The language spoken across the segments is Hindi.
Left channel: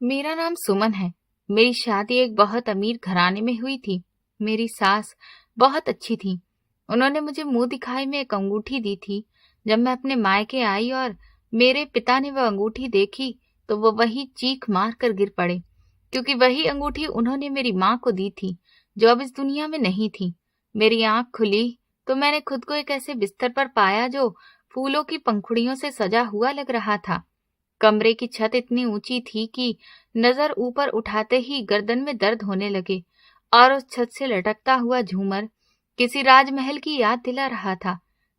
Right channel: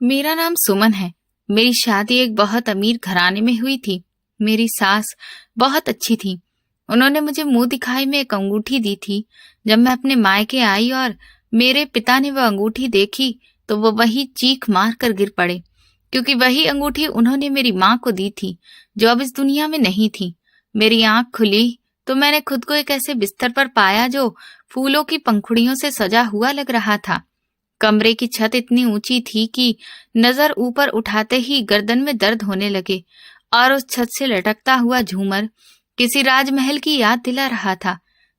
मेरा नाम सुमन है। मेरी शादी एक बहुत अमीर घराने में हुई थी। मेरी सास बहुत अच्छी थी। उन्होंने मुझे मुंह दिखाई में एक अंगूठी दी थी। जब मैं अपने मायके आई और मेरे पिता ने वह अंगूठी देखी तो वो वही चीख मार कर गिर पड़े, क्योंकि वही अंगूठी उन्होंने मेरी माँ को दी थी जो अब इस दुनिया में नहीं थी। मेरी आंख खुली तो मैंने खुद को एक ऐसे बिस्तर पर पाया जो फूलों की पंखुड़ियों से सजा हुआ लग रहा था। कमरे की छत इतनी ऊंची थी कि नजर ऊपर उठाते ही गर्दन में दर्द होने लगे, और उस छत से लटकता हुआ झूमर किसी राजमहल की याद दिला रहा था,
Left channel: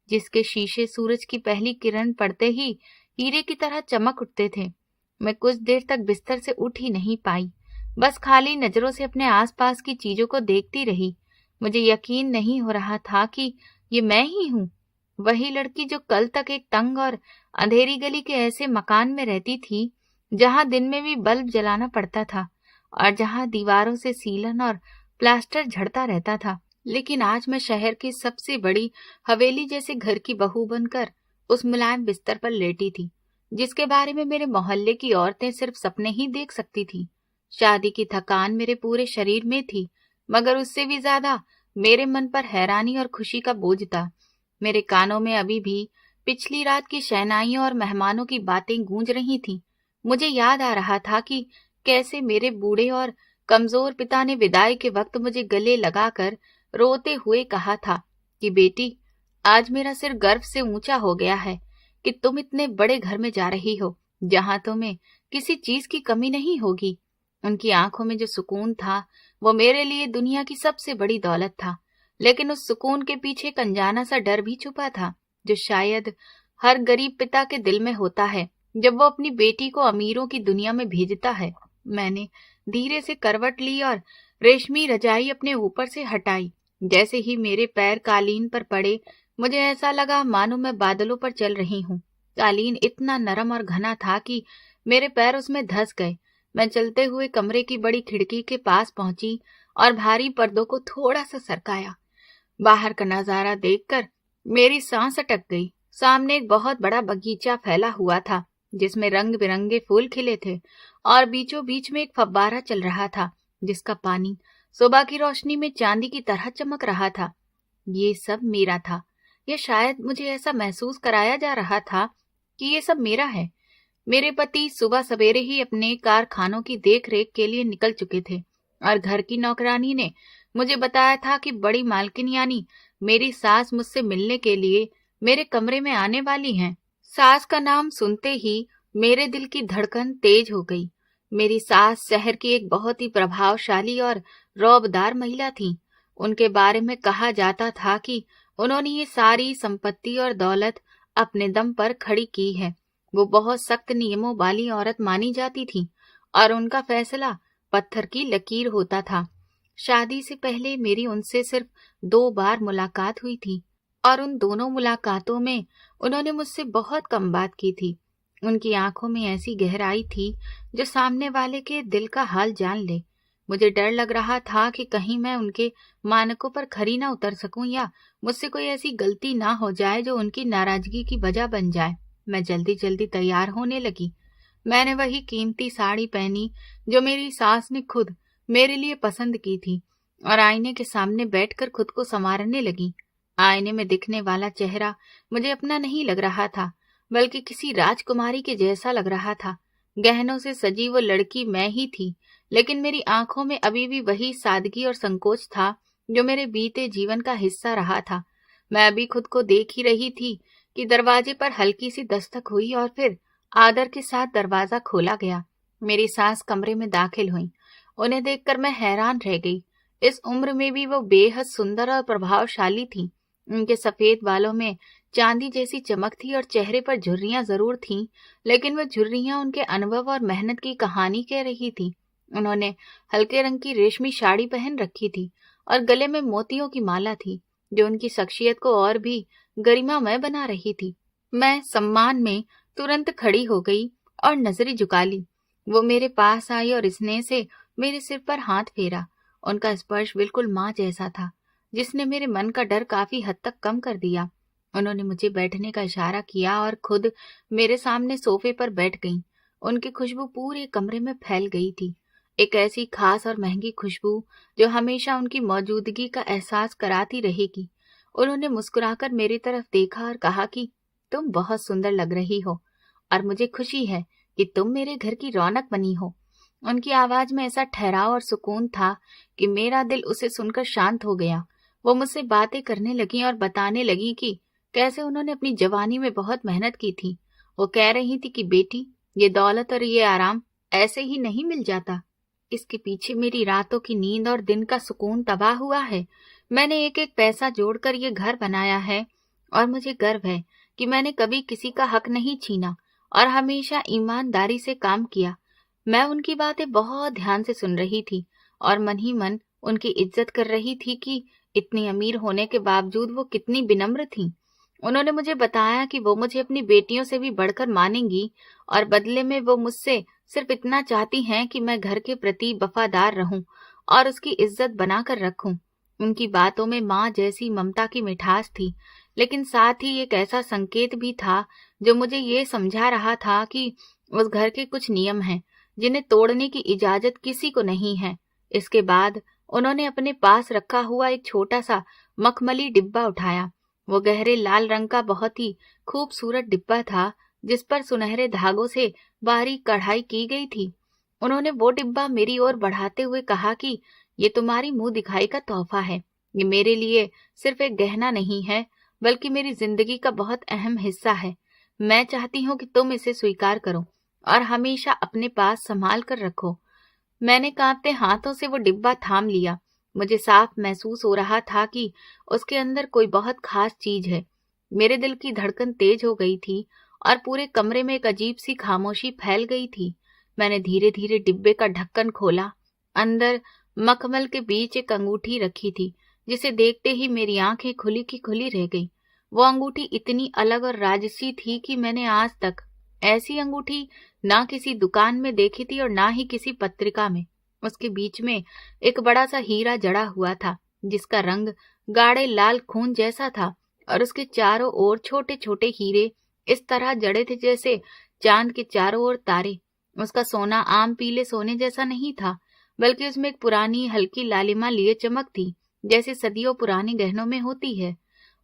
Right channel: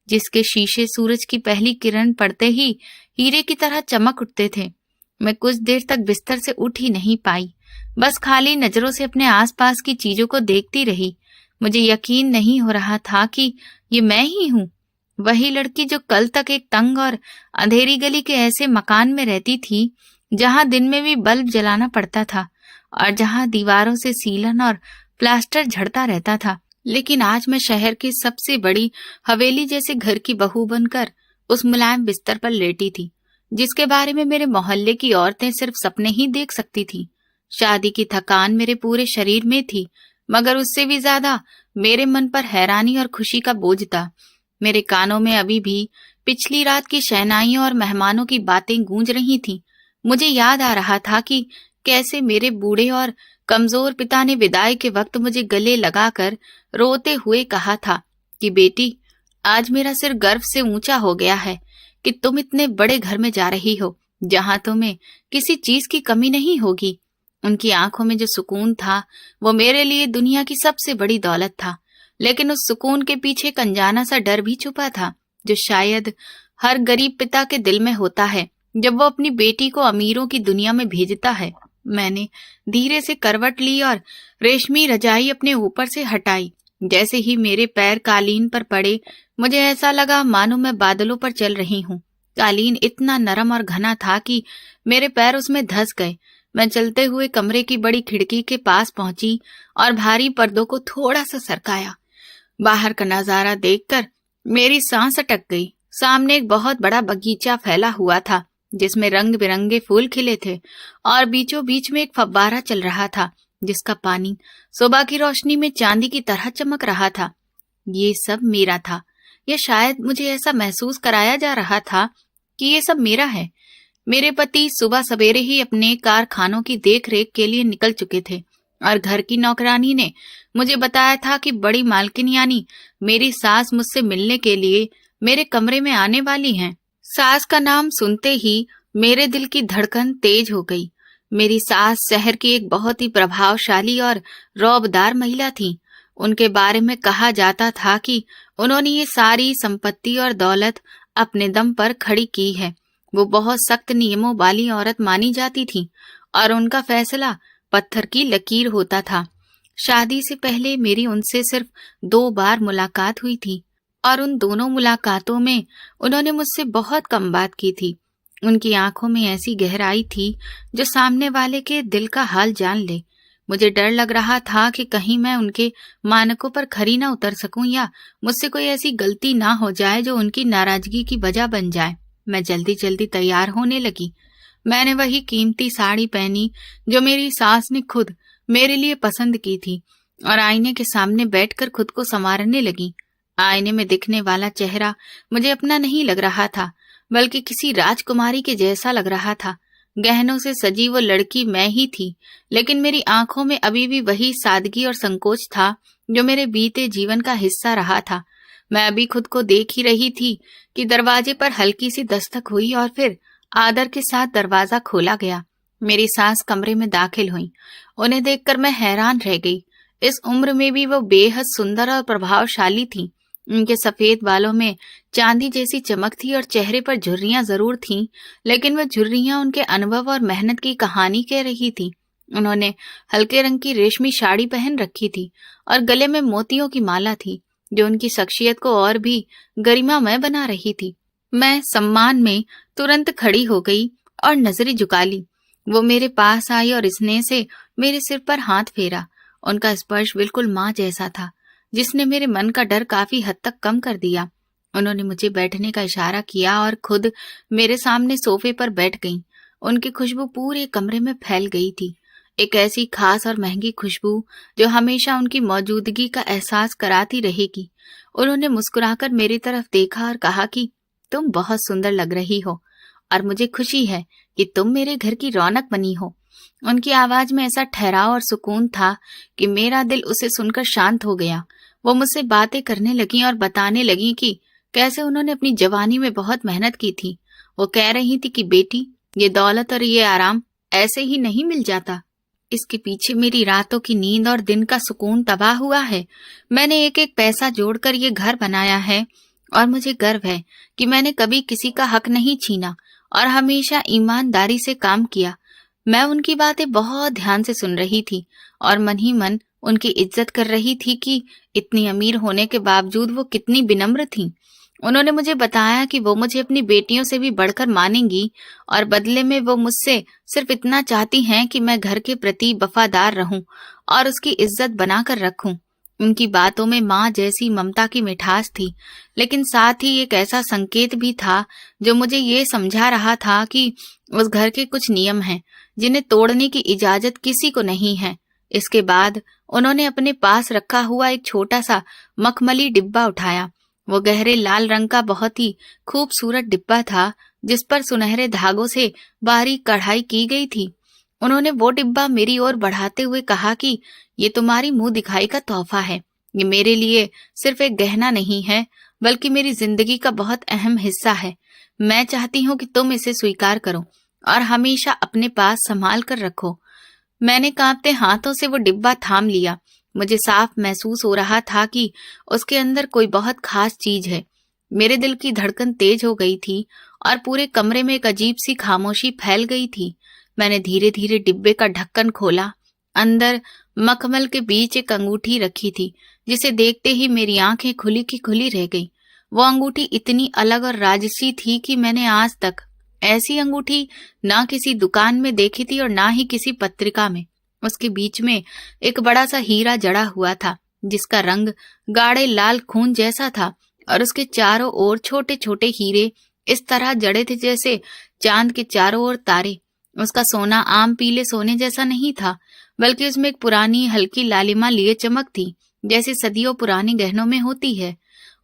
जिसके शीशे सूरज की पहली किरण पड़ते ही हीरे की तरह चमक उठते थे। मैं कुछ देर तक बिस्तर से उठ ही नहीं पाई, बस खाली नजरों से अपने आसपास की चीजों को देखती रही। मुझे यकीन नहीं हो रहा था कि ये मैं ही हूँ, वही लड़की जो कल तक एक तंग और अंधेरी गली के ऐसे मकान में रहती थी जहां दिन में भी बल्ब जलाना पड़ता था और जहां दीवारों से सीलन और प्लास्टर झड़ता रहता था। लेकिन आज मैं शहर की सबसे बड़ी हवेली जैसे घर की बहू बनकर उस मुलायम बिस्तर पर लेटी थी, जिसके बारे में मेरे मोहल्ले की औरतें सिर्फ सपने ही देख सकती थी। शादी की थकान मेरे पूरे शरीर में थी, मगर उससे भी ज्यादा मेरे मन पर हैरानी और खुशी का बोझ था। मेरे कानों में अभी भी पिछली रात की शहनाइयों और मेहमानों की बातें गूंज रही थीं। मुझे याद आ रहा था कि कैसे मेरे बूढ़े और कमजोर पिता ने विदाई के वक्त मुझे गले लगाकर रोते हुए कहा था कि बेटी, आज मेरा सिर गर्व से ऊंचा हो गया है कि तुम इतने बड़े घर में जा रही हो जहां तुम्हें किसी चीज की कमी नहीं होगी। उनकी आंखों में जो सुकून था वो मेरे लिए दुनिया की सबसे बड़ी दौलत था, लेकिन उस सुकून के पीछे एक अनजाना सा डर भी छुपा था, जो शायद हर गरीब पिता के दिल में होता है जब वो अपनी बेटी को अमीरों की दुनिया में भेजता है। मैंने धीरे से करवट ली और रेशमी रजाई अपने ऊपर से हटाई। जैसे ही मेरे पैर कालीन पर पड़े, मुझे ऐसा लगा मानो मैं बादलों पर चल रही हूँ। कालीन इतना नरम और घना था कि मेरे पैर उसमें धंस गए। मैं चलते हुए कमरे की बड़ी खिड़की के पास पहुंची और भारी पर्दों को थोड़ा सा सरकाया। बाहर का नजारा देखकर मेरी सांस अटक गई। सामने एक बहुत बड़ा बगीचा फैला हुआ था जिसमें रंग बिरंगे फूल खिले थे, और बीचों बीच में एक फव्वारा चल रहा था जिसका पानी सुबह की रोशनी में चांदी की तरह चमक रहा था। ये सब मेरा था, या शायद मुझे ऐसा महसूस कराया जा रहा था कि ये सब मेरा है। मेरे पति सुबह सवेरे ही अपने कारखानों की देखरेख के लिए निकल चुके थे, और घर की नौकरानी ने मुझे बताया था कि बड़ी मालकिन यानी मेरी सास मुझसे मिलने के लिए मेरे कमरे में आने वाली हैं। सास का नाम सुनते ही मेरे दिल की धड़कन तेज हो गई। मेरी सास शहर की एक बहुत ही प्रभावशाली और रौबदार महिला थी। उनके बारे में कहा जाता था कि उन्होंने ये सारी संपत्ति और दौलत अपने दम पर खड़ी की है। वो बहुत सख्त नियमों वाली औरत मानी जाती थी और उनका फैसला पत्थर की लकीर होता था। शादी से पहले मेरी उनसे सिर्फ 2 बार मुलाकात हुई थी, और उन दोनों मुलाकातों में उन्होंने मुझसे बहुत कम बात की थी। उनकी आंखों में ऐसी गहराई थी जो सामने वाले के दिल का हाल जान ले। मुझे डर लग रहा था कि कहीं मैं उनके मानकों पर खरी ना उतर सकूं, या मुझसे कोई ऐसी गलती ना हो जाए जो उनकी नाराजगी की वजह बन जाए। मैं जल्दी जल्दी तैयार होने लगी। मैंने वही कीमती साड़ी पहनी जो मेरी सास ने खुद मेरे लिए पसंद की थी, और आईने के सामने बैठकर खुद को संवारने लगी। आईने में दिखने वाला चेहरा मुझे अपना नहीं लग रहा था, बल्कि किसी राजकुमारी के जैसा लग रहा था। गहनों से सजी वो लड़की मैं ही थी, लेकिन मेरी आंखों में अभी भी वही सादगी और संकोच था जो मेरे बीते जीवन का हिस्सा रहा था। मैं अभी खुद को देख ही रही थी कि दरवाजे पर हल्की सी दस्तक हुई और फिर आदर के साथ दरवाजा खोला गया। मेरी सास कमरे में दाखिल हुई। उन्हें देखकर मैं हैरान रह गई। इस उम्र में भी वो बेहद सुंदर और प्रभावशाली थी। उनके सफेद बालों में चांदी जैसी चमक थी और चेहरे पर झुर्रियां जरूर थीं, लेकिन वह झुर्रियां उनके अनुभव और मेहनत की कहानी कह रही थी। उन्होंने हल्के रंग की रेशमी साड़ी पहन रखी थी और गले में मोतियों की माला थी, जो उनकी शख्सियत को और भी गरिमामय बना रही थी। मैं सम्मान में तुरंत खड़ी हो गई और नजरें झुका ली। वो मेरे पास आई और स्नेह से मेरे सिर पर हाथ फेरा। उनका स्पर्श बिल्कुल माँ जैसा था, जिसने मेरे मन का डर काफी हद तक कम कर दिया। उन्होंने मुझे बैठने का इशारा किया और खुद मेरे सामने सोफे पर बैठ गईं। उनकी खुशबू पूरे कमरे में फैल गई थी, एक ऐसी खास और महंगी खुशबू जो हमेशा उनकी मौजूदगी का एहसास कराती रहेगी। उन्होंने मुस्कुराकर मेरी तरफ देखा और कहा कि तुम बहुत सुंदर लग रही हो और मुझे खुशी है कि तुम मेरे घर की रौनक बनी हो। उनकी आवाज में ऐसा ठहराव और सुकून था कि मेरा दिल उसे सुनकर शांत हो गया। वो मुझसे बातें करने लगी और बताने लगी कि कैसे उन्होंने अपनी जवानी में बहुत मेहनत की थी। वो कह रही थी कि बेटी, ये दौलत और ये आराम ऐसे ही नहीं मिल जाता। इसके पीछे मेरी रातों की नींद और दिन का सुकून तबाह हुआ है। मैंने एक एक पैसा जोड़कर ये घर बनाया है और मुझे गर्व है कि मैंने कभी किसी का हक नहीं छीना और हमेशा ईमानदारी से काम किया। मैं उनकी बातें बहुत ध्यान से सुन रही थी और मन ही मन उनकी इज्जत कर रही थी कि इतनी अमीर होने के बावजूद वो कितनी विनम्र थीं। उन्होंने मुझे बताया कि वो मुझे अपनी बेटियों से भी बढ़कर मानेंगी और बदले में वो मुझसे सिर्फ इतना चाहती हैं कि मैं घर के प्रति वफादार रहूं और उसकी इज्जत बनाकर रखूं। उनकी बातों में माँ जैसी ममता की मिठास थी, लेकिन साथ ही एक ऐसा संकेत भी था जो मुझे ये समझा रहा था कि उस घर के कुछ नियम हैं जिन्हें तोड़ने की इजाजत किसी को नहीं है। इसके बाद उन्होंने अपने पास रखा हुआ एक छोटा सा मखमली डिब्बा उठाया। वो गहरे लाल रंग का बहुत ही खूबसूरत डिब्बा था जिस पर सुनहरे धागों से बारीक कढ़ाई की गई थी। उन्होंने वो डिब्बा मेरी ओर बढ़ाते हुए कहा कि ये तुम्हारी मुंह दिखाई का तोहफा है। ये मेरे लिए सिर्फ एक गहना नहीं है, बल्कि मेरी जिंदगी का बहुत अहम हिस्सा है। मैं चाहती हूँ कि तुम इसे स्वीकार करो और हमेशा अपने पास संभाल कर रखो। मैंने कांपते हाथों से वो डिब्बा थाम लिया। मुझे साफ महसूस हो रहा था कि उसके अंदर कोई बहुत खास चीज है। मेरे दिल की धड़कन तेज हो गई थी और पूरे कमरे में एक अजीब सी खामोशी फैल गई थी। मैंने धीरे धीरे डिब्बे का ढक्कन खोला। अंदर मखमल के बीच एक अंगूठी रखी थी, जिसे देखते ही मेरी आंखें खुली की खुली रह गई। वो अंगूठी इतनी अलग और राजसी थी कि मैंने आज तक ऐसी अंगूठी ना किसी दुकान में देखी थी और ना ही किसी पत्रिका में। उसके बीच में एक बड़ा सा हीरा जड़ा हुआ था, जिसका रंग गाढ़े लाल खून जैसा था और उसके चारों ओर छोटे छोटे हीरे इस तरह जड़े थे जैसे चांद के चारों ओर तारे। उसका सोना आम पीले सोने जैसा नहीं था, बल्कि उसमें एक पुरानी हल्की लालिमा लिए चमक थी, जैसे सदियों पुराने गहनों में होती है।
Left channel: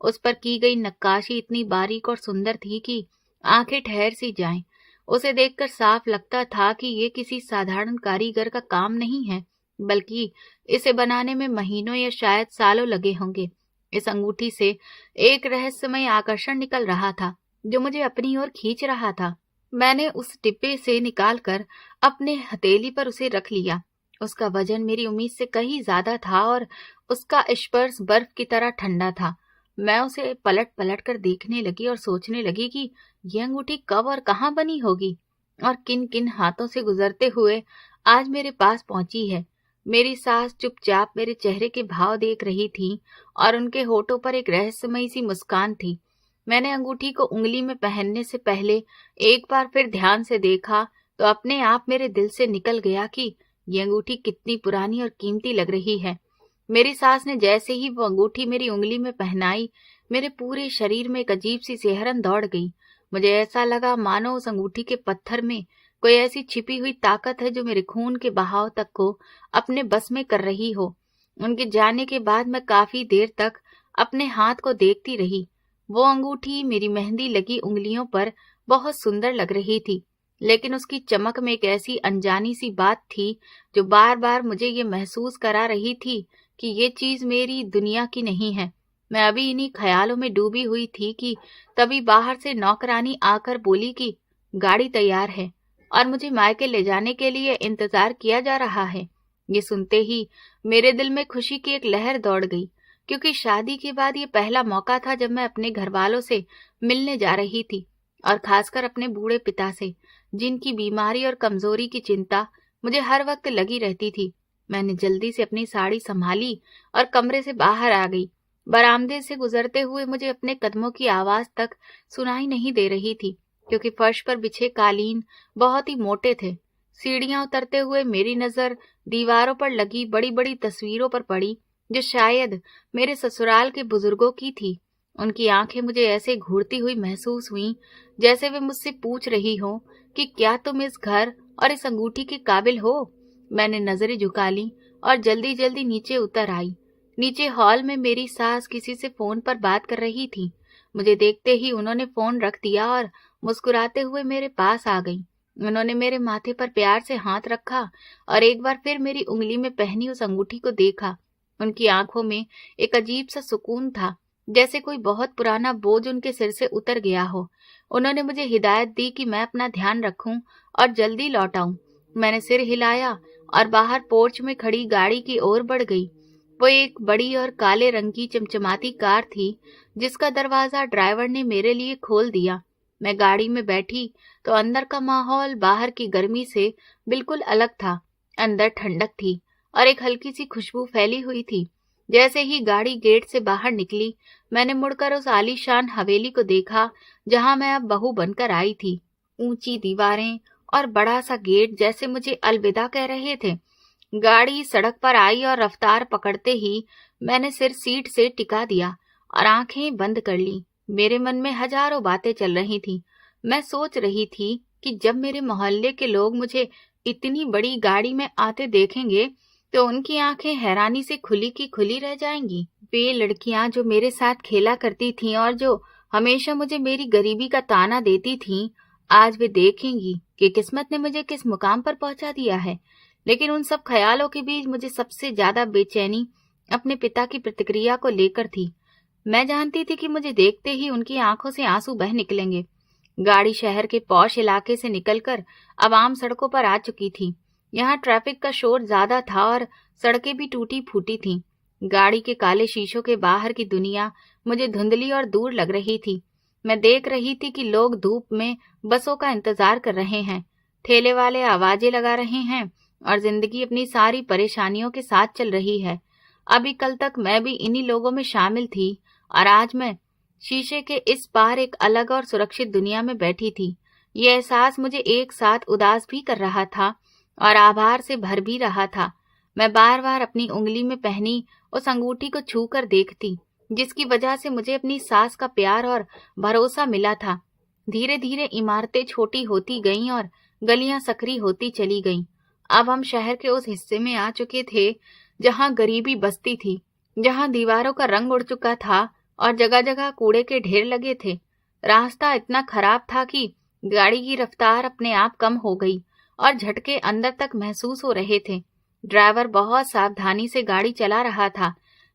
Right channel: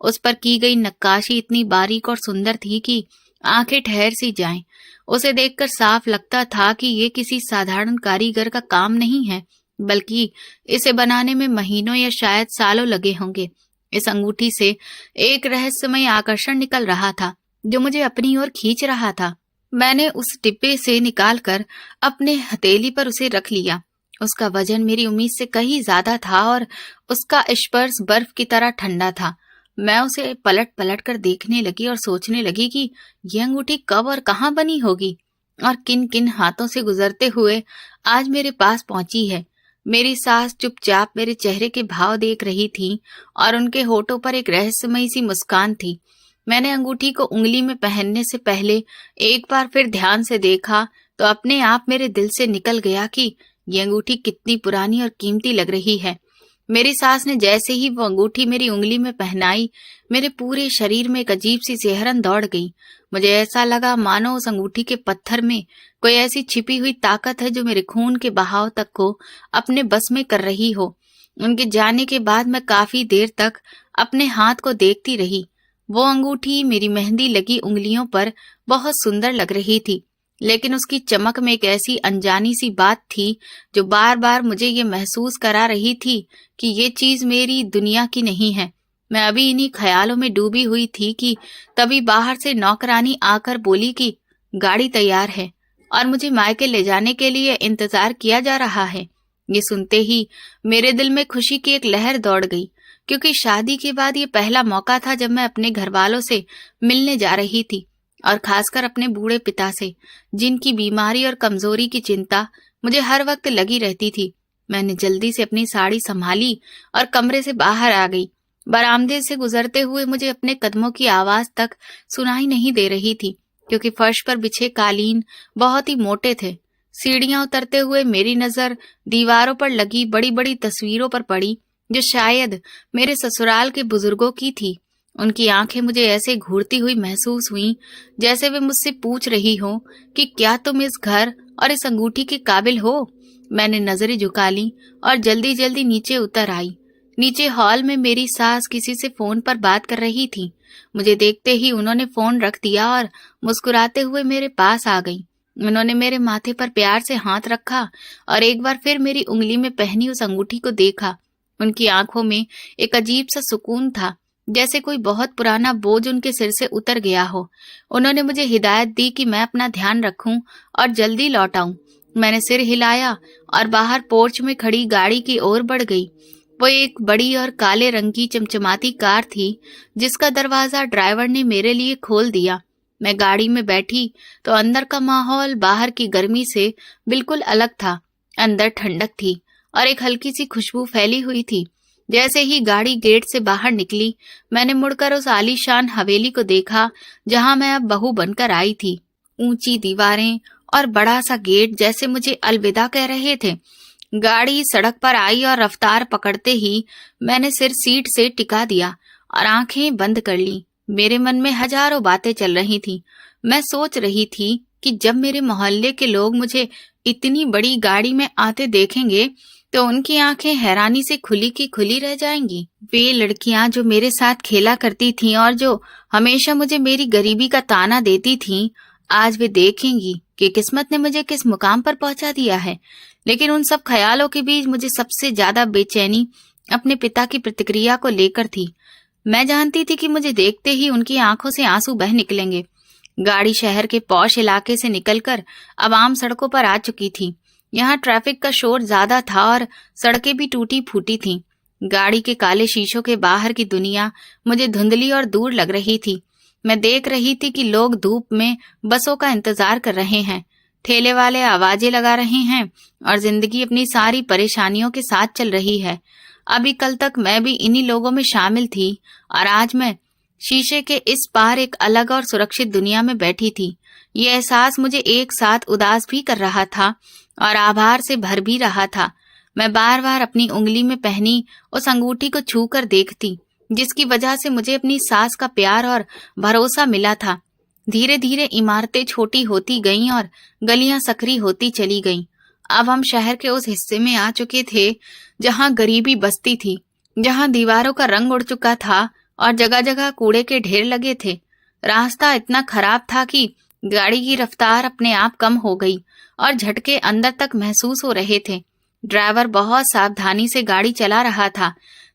उस पर की गई नक्काशी इतनी बारीक और सुंदर थी कि आंखें ठहर सी जाएं। उसे देखकर साफ लगता था कि ये किसी साधारण कारीगर का काम नहीं है, बल्कि इसे बनाने में महीनों या शायद सालों लगे होंगे। इस अंगूठी से एक रहस्यमय आकर्षण निकल रहा था जो मुझे अपनी ओर खींच रहा था। मैंने उस डिब्बे से निकालकर अपने हथेली पर उसे रख लिया। उसका वजन मेरी उम्मीद से कहीं ज्यादा था और उसका स्पर्श बर्फ की तरह ठंडा था। मैं उसे पलट पलट कर देखने लगी और सोचने लगी कि यह अंगूठी कब और कहाँ बनी होगी और किन किन हाथों से गुजरते हुए आज मेरे पास पहुंची है। मेरी सास चुपचाप मेरे चेहरे के भाव देख रही थी और उनके होठों पर एक रहस्यमयी सी मुस्कान थी। मैंने अंगूठी को उंगली में पहनने से पहले एक बार फिर ध्यान से देखा तो अपने आप मेरे दिल से निकल गया कि ये अंगूठी कितनी पुरानी और कीमती लग रही है। मेरी सास ने जैसे ही वो अंगूठी मेरी उंगली में पहनाई, मेरे पूरे शरीर में एक अजीब सी सिहरन दौड़ गई। मुझे ऐसा लगा मानो उस अंगूठी के पत्थर में कोई ऐसी छिपी हुई ताकत है जो मेरे खून के बहाव तक को अपने बस में कर रही हो। उनके जाने के बाद मैं काफी देर तक अपने हाथ को देखती रही। वो अंगूठी मेरी मेहंदी लगी उंगलियों पर बहुत सुंदर लग रही थी, लेकिन उसकी चमक में एक ऐसी अनजानी सी बात थी जो बार बार मुझे ये महसूस करा रही थी कि ये चीज मेरी दुनिया की नहीं है। मैं अभी इन्हीं ख्यालों में डूबी हुई थी कि तभी बाहर से नौकरानी आकर बोली कि गाड़ी तैयार है और मुझे मायके ले जाने के लिए इंतजार किया जा रहा है। ये सुनते ही मेरे दिल में खुशी की एक लहर दौड़ गई, क्योंकि शादी के बाद ये पहला मौका था जब मैं अपने घर वालों से मिलने जा रही थी, और खासकर अपने बूढ़े पिता से, जिनकी बीमारी और कमजोरी की चिंता मुझे हर वक्त लगी रहती थी। मैंने जल्दी से अपनी साड़ी संभाली और कमरे से बाहर आ गई। बरामदे से गुजरते हुए मुझे अपने कदमों की आवाज तक सुनाई नहीं दे रही थी, क्योंकि फर्श पर बिछे कालीन बहुत ही मोटे थे। सीढ़ियां उतरते हुए मेरी नजर दीवारों पर लगी बड़ी बड़ी तस्वीरों पर पड़ी, जो शायद मेरे ससुराल के बुजुर्गों की थी। उनकी आंखें मुझे ऐसे घूरती हुई महसूस हुई जैसे वे मुझसे पूछ रही हो कि क्या तुम इस घर और इस अंगूठी के काबिल हो। मैंने नजरें झुका ली और जल्दी जल्दी नीचे उतर आई। नीचे हॉल में मेरी सास किसी से फोन पर बात कर रही थी। मुझे देखते ही उन्होंने फोन रख दिया और मुस्कुराते हुए मेरे पास आ गई। उन्होंने मेरे माथे पर प्यार से हाथ रखा और एक बार फिर मेरी उंगली में पहनी उस अंगूठी को देखा। उनकी आंखों में एक अजीब सा सुकून था, जैसे कोई बहुत पुराना बोझ उनके सिर से उतर गया हो। उन्होंने मुझे हिदायत दी कि मैं अपना ध्यान रखूं और जल्दी लौट आऊं। मैंने सिर हिलाया और बाहर पोर्च में खड़ी गाड़ी की ओर बढ़ गई। वो एक बड़ी और काले रंग की चमचमाती कार थी जिसका दरवाजा ड्राइवर ने मेरे लिए खोल दिया। मैं गाड़ी में बैठी तो अंदर का माहौल बाहर की गर्मी से बिल्कुल अलग था। अंदर ठंडक थी और एक हल्की सी खुशबू फैली हुई थी। जैसे ही गाड़ी गेट से बाहर निकली, मैंने मुड़कर उस आलीशान हवेली को देखा जहां मैं अब बहू बनकर आई थी। ऊंची दीवारें और बड़ा सा गेट जैसे मुझे अलविदा कह रहे थे। गाड़ी सड़क पर आई और रफ्तार पकड़ते ही मैंने सिर सीट से टिका दिया और आंखें बंद कर ली। मेरे मन में हजारों बातें चल रही थीं। मैं सोच रही थी कि जब मेरे मोहल्ले के लोग मुझे इतनी बड़ी गाड़ी में आते देखेंगे तो उनकी आंखें हैरानी से खुली की खुली रह जाएंगी। वे लड़कियां जो मेरे साथ खेला करती थीं और जो हमेशा मुझे मेरी गरीबी का ताना देती थीं, आज वे देखेंगी कि किस्मत ने मुझे किस मुकाम पर पहुंचा दिया है। लेकिन उन सब ख्यालों के बीच मुझे सबसे ज्यादा बेचैनी अपने पिता की प्रतिक्रिया को लेकर थी। मैं जानती थी कि मुझे देखते ही उनकी आंखों से आंसू बह निकलेंगे। गाड़ी शहर के पॉश इलाके से निकलकर अब आम सड़कों पर आ चुकी थी। यहाँ ट्रैफिक का शोर ज्यादा था और सड़कें भी टूटी फूटी थीं। गाड़ी के काले शीशों के बाहर की दुनिया मुझे धुंधली और दूर लग रही थी। मैं देख रही थी कि लोग धूप में बसों का इंतजार कर रहे हैं, ठेले वाले आवाजें लगा रहे हैं और जिंदगी अपनी सारी परेशानियों के साथ चल रही है। अभी कल तक मैं भी इन्हीं लोगों में शामिल थी और आज मैं शीशे के इस पार एक अलग और सुरक्षित दुनिया में बैठी थी। ये एहसास मुझे एक साथ उदास भी कर रहा था और आभार से भर भी रहा था। मैं बार बार अपनी उंगली में पहनी उस अंगूठी को छू कर देखती जिसकी वजह से मुझे अपनी सास का प्यार और भरोसा मिला था। धीरे धीरे इमारतें छोटी होती गईं और गलियां सकरी होती चली गईं। अब हम शहर के उस हिस्से में आ चुके थे जहां गरीबी बसती थी, जहां दीवारों का रंग उड़ चुका था और जगह जगह कूड़े के ढेर लगे थे। रास्ता इतना खराब था कि गाड़ी की रफ्तार अपने आप कम हो गई और झटके अंदर तक महसूस हो रहे थे। ड्राइवर बहुत सावधानी से गाड़ी चला रहा था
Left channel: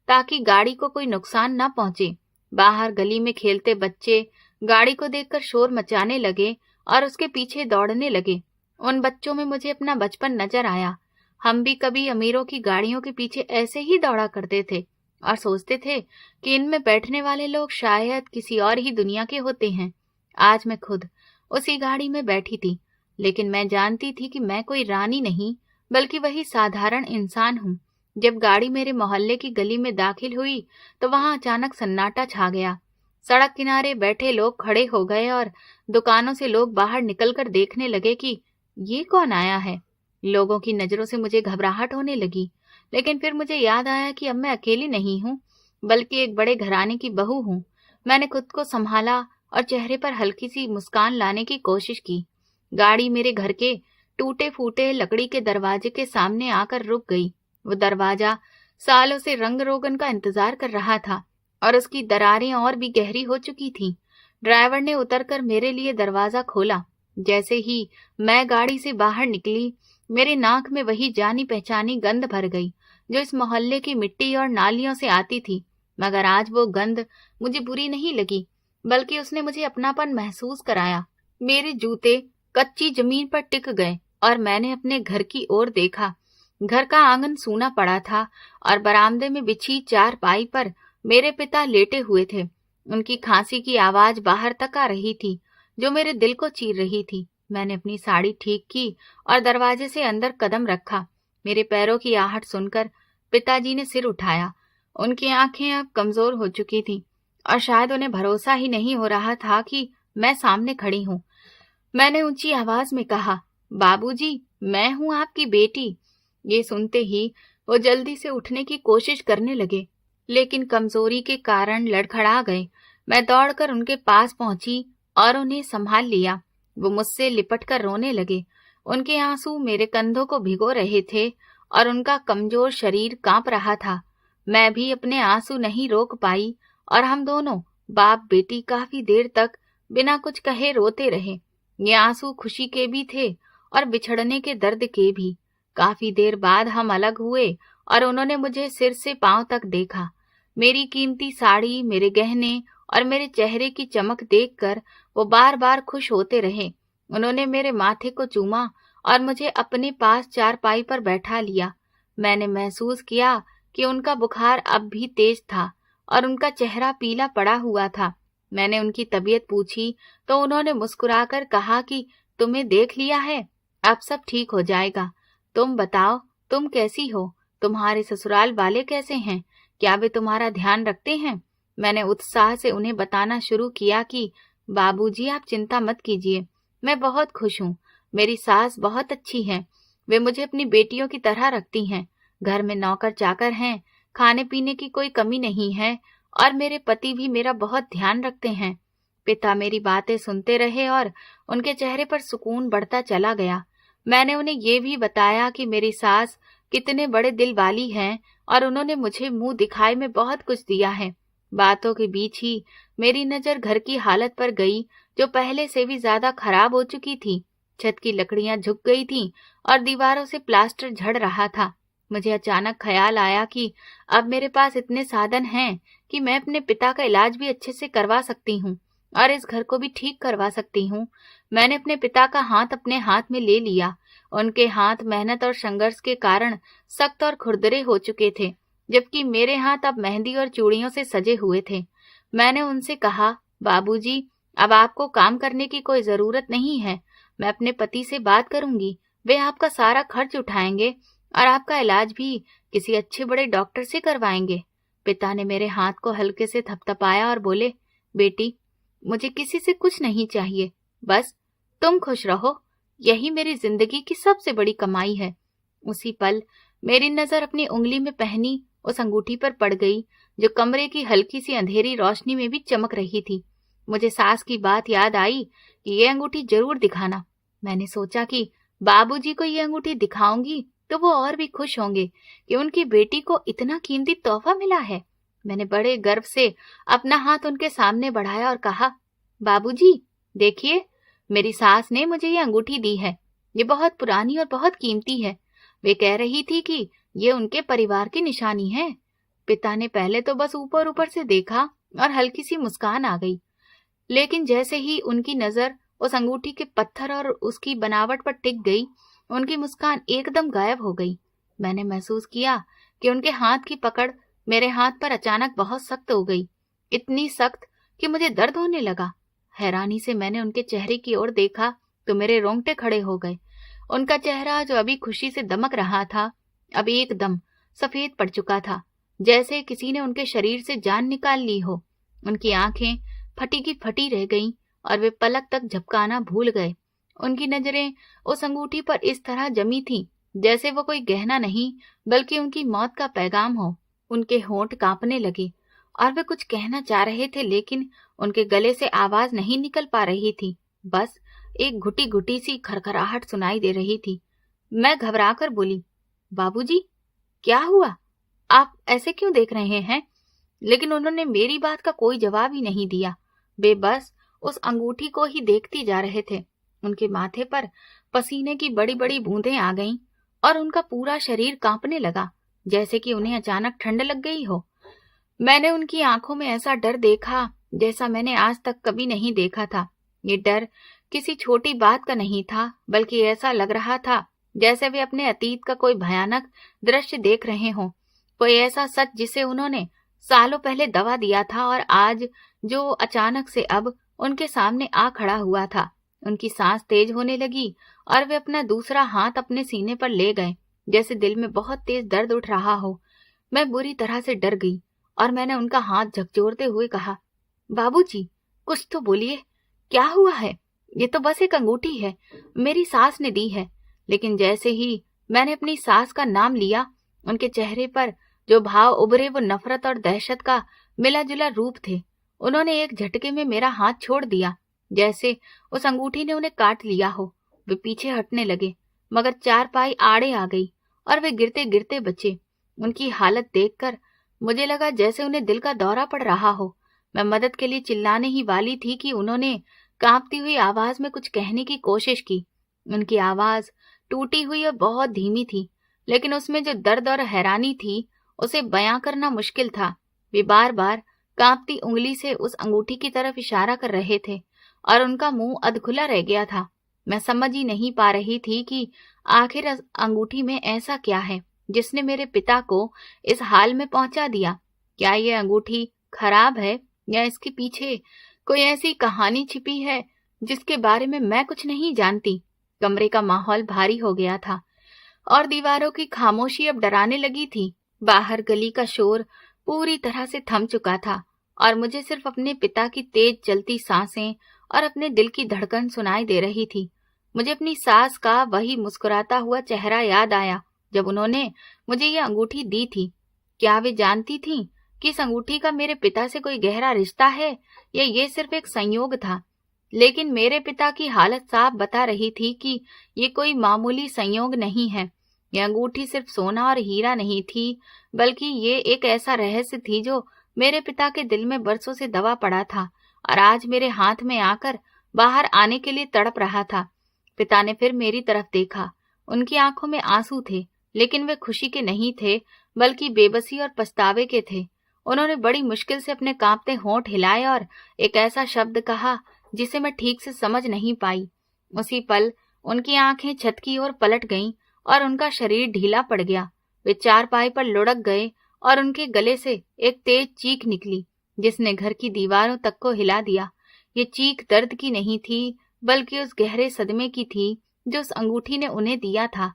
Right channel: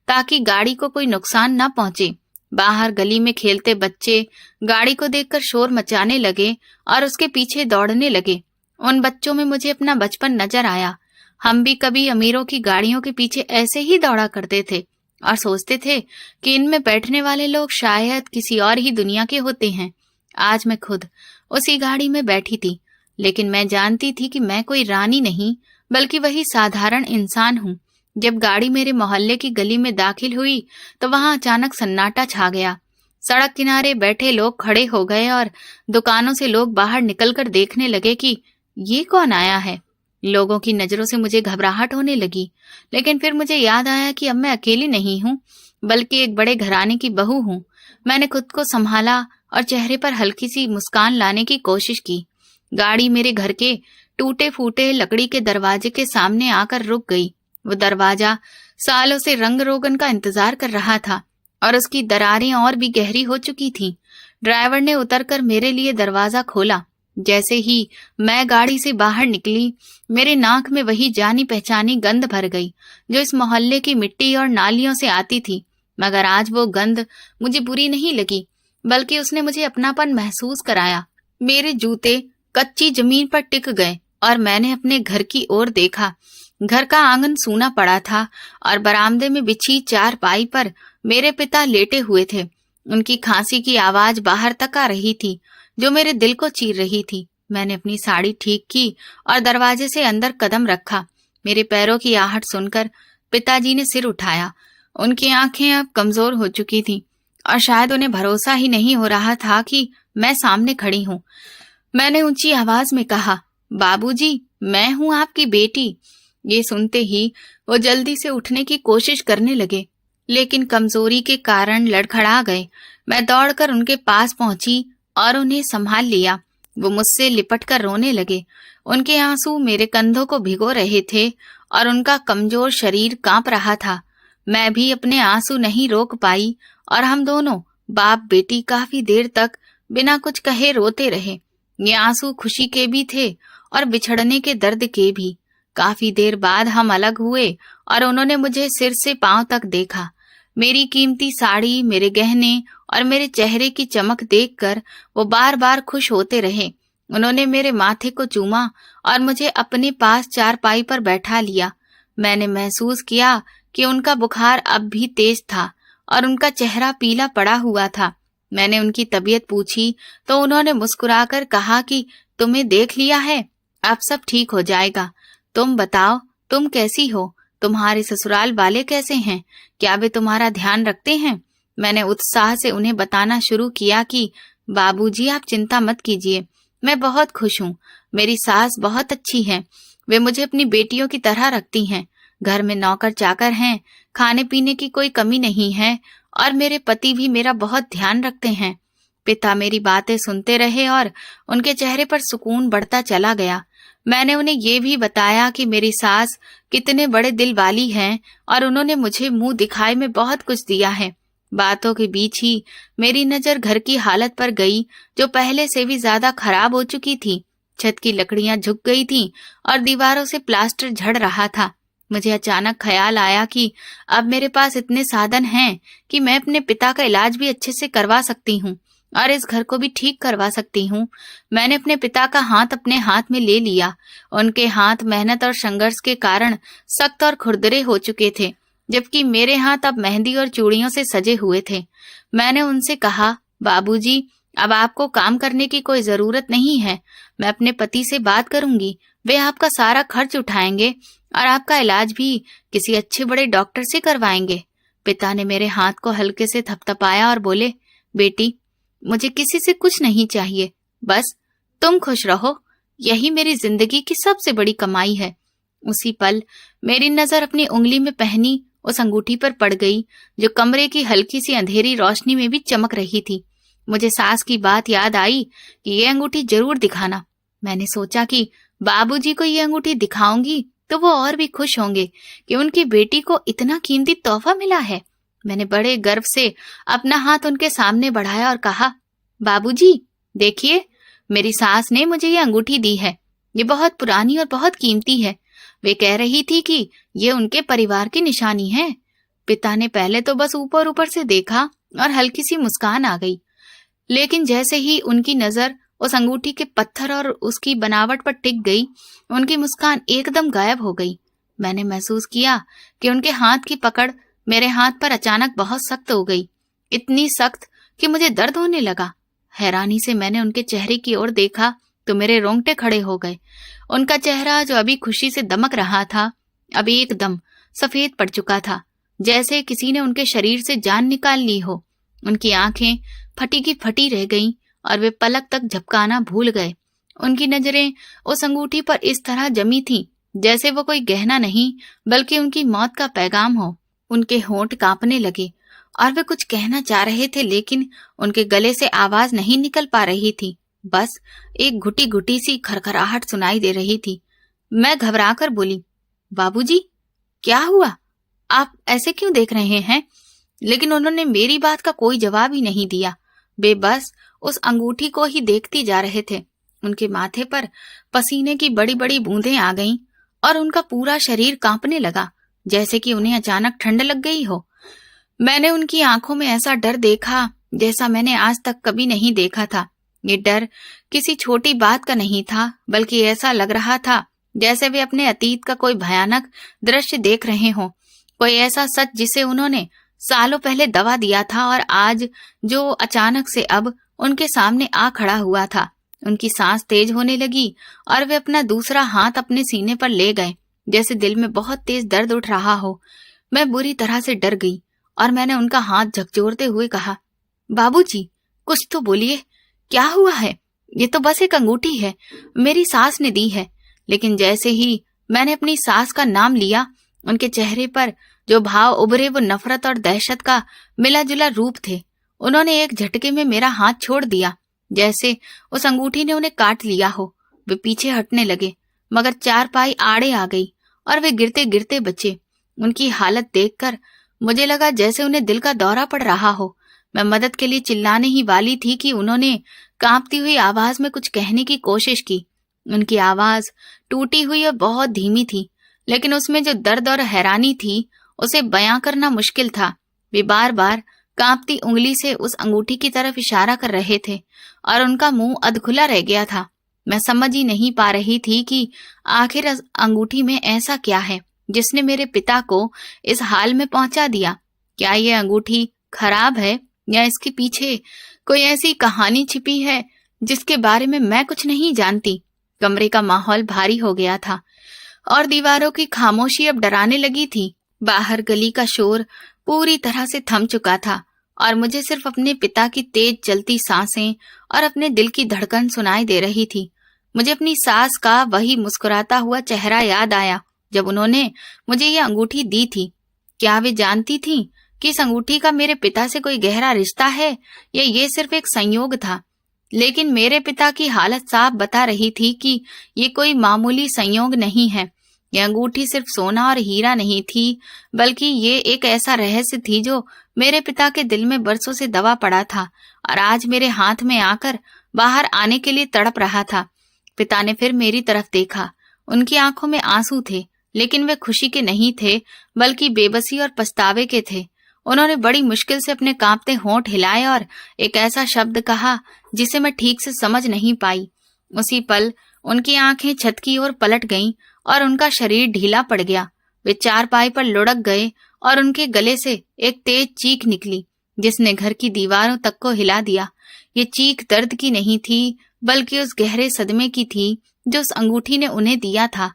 ताकि गाड़ी को कोई नुकसान न पहुंचे। बाहर गली में खेलते बच्चे गाड़ी को देखकर शोर मचाने लगे और उसके पीछे दौड़ने लगे। उन बच्चों में मुझे अपना बचपन नजर आया। हम भी कभी अमीरों की गाड़ियों के पीछे ऐसे ही दौड़ा करते थे और सोचते थे कि इनमें बैठने वाले लोग शायद किसी और ही दुनिया के होते हैं। आज मैं खुद उसी गाड़ी में बैठी थी, लेकिन मैं जानती थी कि मैं कोई रानी नहीं बल्कि वही साधारण इंसान हूँ। जब गाड़ी मेरे मोहल्ले की गली में दाखिल हुई तो वहां अचानक सन्नाटा छा गया। सड़क किनारे बैठे लोग खड़े हो गए और दुकानों से लोग बाहर निकलकर देखने लगे कि ये कौन आया है। लोगों की नजरों से मुझे घबराहट होने लगी, लेकिन फिर मुझे याद आया कि अब मैं अकेली नहीं हूँ बल्कि एक बड़े घराने की बहू हूँ। मैंने खुद को संभाला और चेहरे पर हल्की सी मुस्कान लाने की कोशिश की। गाड़ी मेरे घर के टूटे फूटे लकड़ी के दरवाजे के सामने आकर रुक गई। वो दरवाजा सालों से रंग रोगन का इंतजार कर रहा था और उसकी दरारें और भी गहरी हो चुकी थीं। ड्राइवर ने उतरकर मेरे लिए दरवाजा खोला। जैसे ही मैं गाड़ी से बाहर निकली, मेरे नाक में वही जानी पहचानी गंध भर गई जो इस मोहल्ले की मिट्टी और नालियों से आती थी। मगर आज वो गंध मुझे बुरी नहीं लगी, बल्कि उसने मुझे अपनापन महसूस कराया। मेरे जूते कच्ची जमीन पर टिक गए और मैंने अपने घर की ओर देखा। घर का आंगन सूना पड़ा था और बरामदे में बिछी चारपाई पर मेरे पिता लेटे हुए थे। उनकी खांसी की आवाज बाहर तक आ रही थी जो मेरे दिल को चीर रही थी। मैंने अपनी साड़ी ठीक की और दरवाजे से अंदर कदम रखा। मेरे पैरों की आहट सुनकर पिताजी ने सिर उठाया। उनकी आंखें अब कमजोर हो चुकी थीं और शायद उन्हें भरोसा ही नहीं हो रहा था कि मैं सामने खड़ी हूँ। मैंने ऊंची आवाज में कहा, बाबूजी, मैं हूँ आपकी बेटी। ये सुनते ही वो जल्दी से उठने की कोशिश करने लगे। लेकिन कमजोरी के कारण लड़खड़ा गए। मैं दौड़कर उनके पास पहुंची और उन्हें संभाल लिया। वो मुझसे लिपटकर रोने लगे। उनके आंसू मेरे कंधों को भिगो रहे थे और उनका कमजोर शरीर कांप रहा था। मैं भी अपने आंसू नहीं रोक पाई और हम दोनों बाप बेटी काफी देर तक बिना कुछ कहे रोते रहे। ये आंसू खुशी के भी थे और बिछड़ने के दर्द के भी। काफी देर बाद हम अलग हुए और उन्होंने मुझे सिर से पांव तक देखा। मेरी कीमती साड़ी, मेरे गहने और मेरे चेहरे की चमक देखकर वो बार बार खुश होते रहे। उन्होंने मेरे माथे को चूमा और मुझे अपने पास चारपाई पर बैठा लिया। मैंने महसूस किया कि उनका बुखार अब भी तेज था और उनका चेहरा पीला पड़ा हुआ था। मैंने उनकी तबीयत पूछी तो उन्होंने मुस्कुराकर कहा कि तुम्हें देख लिया है, अब सब ठीक हो जाएगा। तुम बताओ, तुम कैसी हो? तुम्हारे ससुराल वाले कैसे हैं? क्या वे तुम्हारा ध्यान रखते हैं? मैंने उत्साह से उन्हें बताना शुरू किया कि बाबूजी, आप चिंता मत कीजिए, मैं बहुत खुश हूँ। मेरी सास बहुत अच्छी है, वे मुझे अपनी बेटियों की तरह रखती हैं। घर में नौकर चाकर हैं, खाने पीने की कोई कमी नहीं है और मेरे पति भी मेरा बहुत ध्यान रखते हैं। पिता मेरी बातें सुनते रहे और उनके चेहरे पर सुकून बढ़ता चला गया। मैंने उन्हें ये भी बताया कि मेरी सास कितने बड़े दिल वाली हैं और उन्होंने मुझे मुंह दिखाए में बहुत कुछ दिया है। बातों के बीच ही मेरी नजर घर की हालत पर गई, जो पहले से भी ज्यादा खराब हो चुकी थी। छत की लकड़ियां झुक गई थीं और दीवारों से प्लास्टर झड़ रहा था। मुझे अचानक ख्याल आया कि अब मेरे पास इतने साधन हैं कि मैं अपने पिता का इलाज भी अच्छे से करवा सकती हूँ और इस घर को भी ठीक करवा सकती हूँ। मैंने अपने पिता का हाथ अपने हाथ में ले लिया। उनके हाथ मेहनत और संघर्ष के कारण सख्त और खुरदरे हो चुके थे, जबकि मेरे हाथ अब मेहंदी और चूड़ियों से सजे हुए थे। मैंने उनसे कहा, बाबूजी, अब आपको काम करने की कोई जरूरत नहीं है। मैं अपने पति से बात करूंगी, वे आपका सारा खर्च उठाएंगे और आपका इलाज भी किसी अच्छे बड़े डॉक्टर से करवाएंगे। पिता ने मेरे हाथ को हल्के से थपथपाया और बोले, बेटी, मुझे किसी से कुछ नहीं चाहिए, बस तुम खुश रहो, यही मेरी जिंदगी की सबसे बड़ी कमाई है। उसी पल मेरी नजर अपनी उंगली में पहनी उस अंगूठी पर पड़ गई, जो कमरे की हल्की सी अंधेरी रोशनी में भी चमक रही थी। मुझे सास की बात याद आई कि ये अंगूठी जरूर दिखाना। मैंने सोचा कि बाबूजी को ये अंगूठी दिखाऊंगी तो वो और भी खुश होंगे कि उनकी बेटी को इतना कीमती तोहफा मिला है। मैंने बड़े गर्व से अपना हाथ उनके सामने बढ़ाया और कहा, बाबूजी, देखिए, मेरी सास ने मुझे ये अंगूठी दी है। ये बहुत पुरानी और बहुत कीमती है। वे कह रही थी कि ये उनके परिवार की निशानी है। पिता ने पहले तो बस ऊपर ऊपर से देखा और हल्की सी मुस्कान आ गई, लेकिन जैसे ही उनकी नजर उस अंगूठी के पत्थर और उसकी बनावट पर टिक गई, उनकी मुस्कान एकदम गायब हो गई। मैंने महसूस किया कि उनके हाथ की पकड़ मेरे हाथ पर अचानक बहुत सख्त हो गई, इतनी सख्त कि मुझे दर्द होने लगा। हैरानी से मैंने उनके चेहरे की ओर देखा तो मेरे रोंगटे खड़े हो गए। उनका चेहरा, जो अभी खुशी से दमक रहा था, अभी एकदम सफेद पड़ चुका था, जैसे किसी ने उनके शरीर से जान निकाल ली हो। उनकी आंखें फटी की फटी रह गईं और वे पलक तक झपकाना भूल गए। उनकी नजरें उस अंगूठी पर इस तरह जमी थीं जैसे वो कोई गहना नहीं बल्कि उनकी मौत का पैगाम हो। उनके होंठ कांपने लगे और वे कुछ कहना चाह रहे थे, लेकिन उनके गले से आवाज नहीं निकल पा रही थी। बस एक घुटी घुटी सी खरखराहट सुनाई दे रही थी। मैं घबराकर बोली, बाबूजी, क्या हुआ? आप ऐसे क्यों देख रहे हैं? लेकिन उन्होंने मेरी बात का कोई जवाब ही नहीं दिया। वे बस उस अंगूठी को ही देखती जा रहे थे। उनके माथे पर पसीने की बड़ी बड़ी बूंदें आ गईं और उनका पूरा शरीर कांपने लगा, जैसे कि उन्हें अचानक ठंड लग गई हो। मैंने उनकी आंखों में ऐसा डर देखा जैसा मैंने आज तक कभी नहीं देखा था। ये डर किसी छोटी बात का नहीं था, बल्कि ऐसा लग रहा था जैसे वे अपने अतीत का कोई भयानक दृश्य देख रहे हों, कोई ऐसा सच जिसे उन्होंने सालों पहले दबा दिया था और आज जो अचानक से अब उनके सामने आ खड़ा हुआ था। उनकी सांस तेज होने लगी और वे अपना दूसरा हाथ अपने सीने पर ले गए, जैसे दिल में बहुत तेज दर्द उठ रहा हो। मैं बुरी तरह से डर गई और मैंने उनका हाथ झकझोरते हुए कहा, बाबूजी, कुछ तो बोलिए, क्या हुआ है? ये तो बस एक अंगूठी है, मेरी सास ने दी है। लेकिन जैसे ही मैंने अपनी सास का नाम लिया, उनके चेहरे पर जो भाव उभरे वो नफरत और दहशत का मिला जुला रूप थे। उन्होंने एक झटके में मेरा हाथ छोड़ दिया, जैसे उस अंगूठी ने उन्हें काट लिया हो। वे पीछे हटने लगे, मगर चारपाई आड़े आ गई और वे गिरते गिरते बचे। उनकी हालत देखकर मुझे लगा जैसे उन्हें दिल का दौरा पड़ रहा हो। मैं मदद के लिए चिल्लाने ही वाली थी कि उन्होंने कांपती हुई आवाज में कुछ कहने की कोशिश की। उनकी आवाज टूटी हुई और बहुत धीमी थी, लेकिन उसमें जो दर्द और हैरानी थी उसे बयां करना मुश्किल था। वे बार बार कांपती उंगली से उस अंगूठी की तरफ इशारा कर रहे थे और उनका मुंह अधखुला रह गया था। मैं समझ ही नहीं पा रही थी कि आखिर इस अंगूठी में ऐसा क्या है जिसने मेरे पिता को इस हाल में पहुंचा दिया। क्या ये अंगूठी खराब है या इसके पीछे कोई ऐसी कहानी छिपी है जिसके बारे में मैं कुछ नहीं जानती। कमरे का माहौल भारी हो गया था और दीवारों की खामोशी अब डराने लगी थी। बाहर गली का शोर पूरी तरह से थम चुका था और मुझे सिर्फ अपने पिता की तेज चलती सांसें और अपने दिल की धड़कन सुनाई दे रही थी। मुझे अपनी सास का वही मुस्कुराता हुआ चेहरा याद आया जब उन्होंने मुझे ये अंगूठी दी थी। क्या वे जानती थीं कि इस अंगूठी का मेरे पिता से कोई गहरा रिश्ता है या ये सिर्फ एक संयोग था? लेकिन मेरे पिता की हालत साफ बता रही थी कि ये कोई मामूली संयोग नहीं है। यह अंगूठी सिर्फ सोना और हीरा नहीं थी, बल्कि ये एक ऐसा रहस्य थी जो मेरे पिता के दिल में बरसों से दबा पड़ा था और आज मेरे हाथ में आकर बाहर आने के लिए तड़प रहा था। पिता ने फिर मेरी तरफ देखा। उनकी आंखों में आंसू थे, लेकिन वे खुशी के नहीं थे, बल्कि बेबसी और पछतावे के थे। उन्होंने बड़ी मुश्किल से अपने कांपते होंठ हिलाए और एक ऐसा शब्द कहा जिसे मैं ठीक से समझ नहीं पाई। उसी पल उनकी आंखें छत की ओर पलट गईं और उनका शरीर ढीला पड़ गया। वे चारपाई पर लुढ़क गए और उनके गले से एक तेज चीख निकली जिसने घर की दीवारों तक को हिला दिया। ये चीख दर्द की नहीं थी, बल्कि उस गहरे सदमे की थी जो उस अंगूठी ने उन्हें दिया था।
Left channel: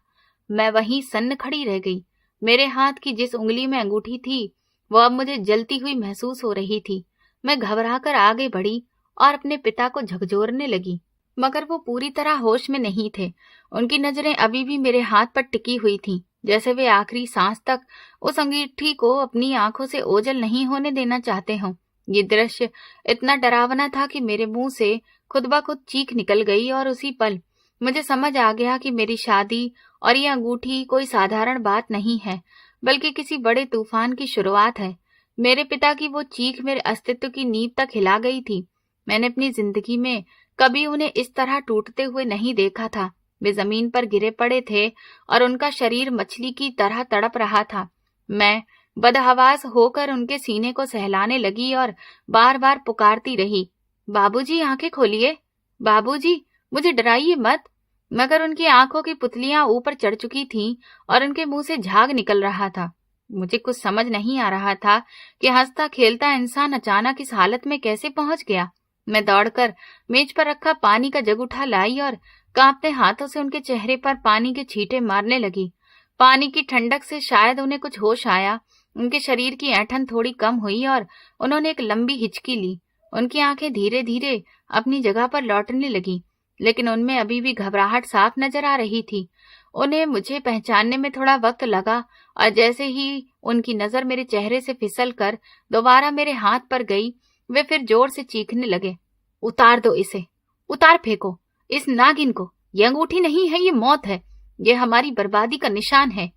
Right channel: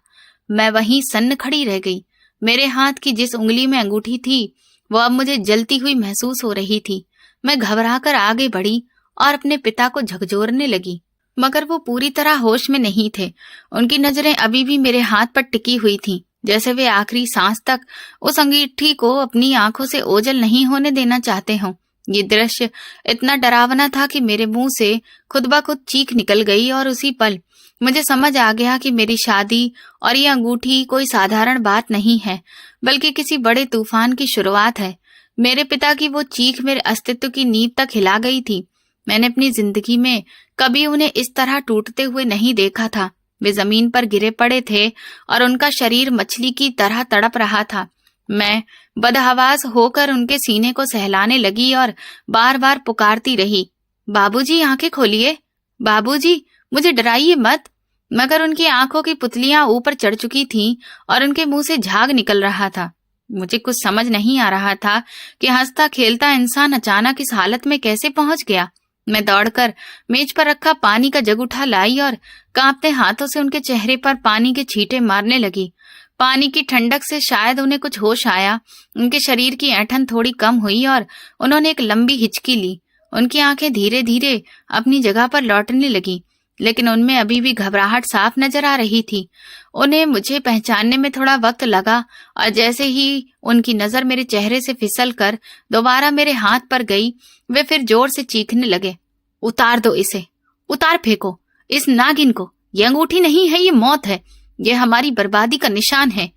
मैं वहीं सन्न खड़ी रह गई। मेरे हाथ की जिस उंगली में अंगूठी थी वो अब मुझे जलती हुई महसूस हो रही थी। मैं घबराकर आगे बढ़ी और अपने पिता को झकझोरने लगी, मगर वो पूरी तरह होश में नहीं थे। उनकी नजरें अभी भी मेरे हाथ पर टिकी हुई थीं, जैसे वे आखिरी सांस तक उस अंगूठी को अपनी आंखों से ओझल नहीं होने देना चाहते हों। ये दृश्य इतना डरावना था कि मेरे मुंह से खुद ब खुद चीख निकल गई और उसी पल मुझे समझ आ गया कि मेरी शादी और ये अंगूठी कोई साधारण बात नहीं है, बल्कि किसी बड़े तूफान की शुरुआत है। मेरे पिता की वो चीख मेरे अस्तित्व की नींव तक हिला गई थी। मैंने अपनी जिंदगी में कभी उन्हें इस तरह टूटते हुए नहीं देखा था। वे जमीन पर गिरे पड़े थे और उनका शरीर मछली की तरह तड़प रहा था। मैं बदहवास होकर उनके सीने को सहलाने लगी और बार बार पुकारती रही, बाबूजी आंखें खोलिए, बाबूजी मुझे डराइए मत। मगर उनकी आंखों की पुतलियां ऊपर चढ़ चुकी थीं और उनके मुंह से झाग निकल रहा था। मुझे कुछ समझ नहीं आ रहा था कि हंसता खेलता इंसान अचानक इस हालत में कैसे पहुंच गया। मैं दौड़कर मेज पर रखा पानी का जग उठा लाई और कांपते हाथों से उनके चेहरे पर पानी के छींटे मारने लगी। पानी की ठंडक से शायद उन्हें कुछ होश आया। उनके शरीर की ऐंठन थोड़ी कम हुई और उन्होंने एक लंबी हिचकी ली। उनकी आंखें धीरे धीरे अपनी जगह पर लौटने लगी, लेकिन उनमें अभी भी घबराहट साफ नजर आ रही थी। उन्हें मुझे पहचानने में थोड़ा वक्त लगा और जैसे ही उनकी नजर मेरे चेहरे से फिसल कर दोबारा मेरे हाथ पर गई, वे फिर जोर से चीखने लगे, उतार दो इसे, उतार फेंको इस नागिन को। ये अंगूठी नहीं है, ये मौत है, ये हमारी बर्बादी का निशान है।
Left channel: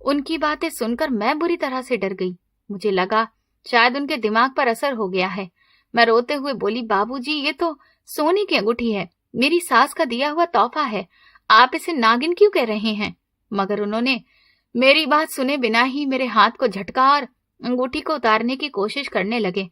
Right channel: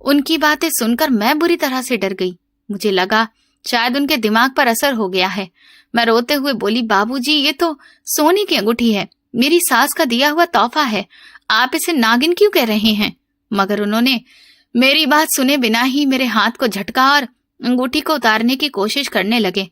उनकी बातें सुनकर मैं बुरी तरह से डर गई। मुझे लगा शायद उनके दिमाग पर असर हो गया है। मैं रोते हुए बोली, बाबूजी ये तो सोने की अंगूठी है, मेरी सास का दिया हुआ तोहफा है, आप इसे नागिन क्यों कह रहे हैं? मगर उन्होंने मेरी बात सुने बिना ही मेरे हाथ को झटका और अंगूठी को उतारने की कोशिश करने लगे।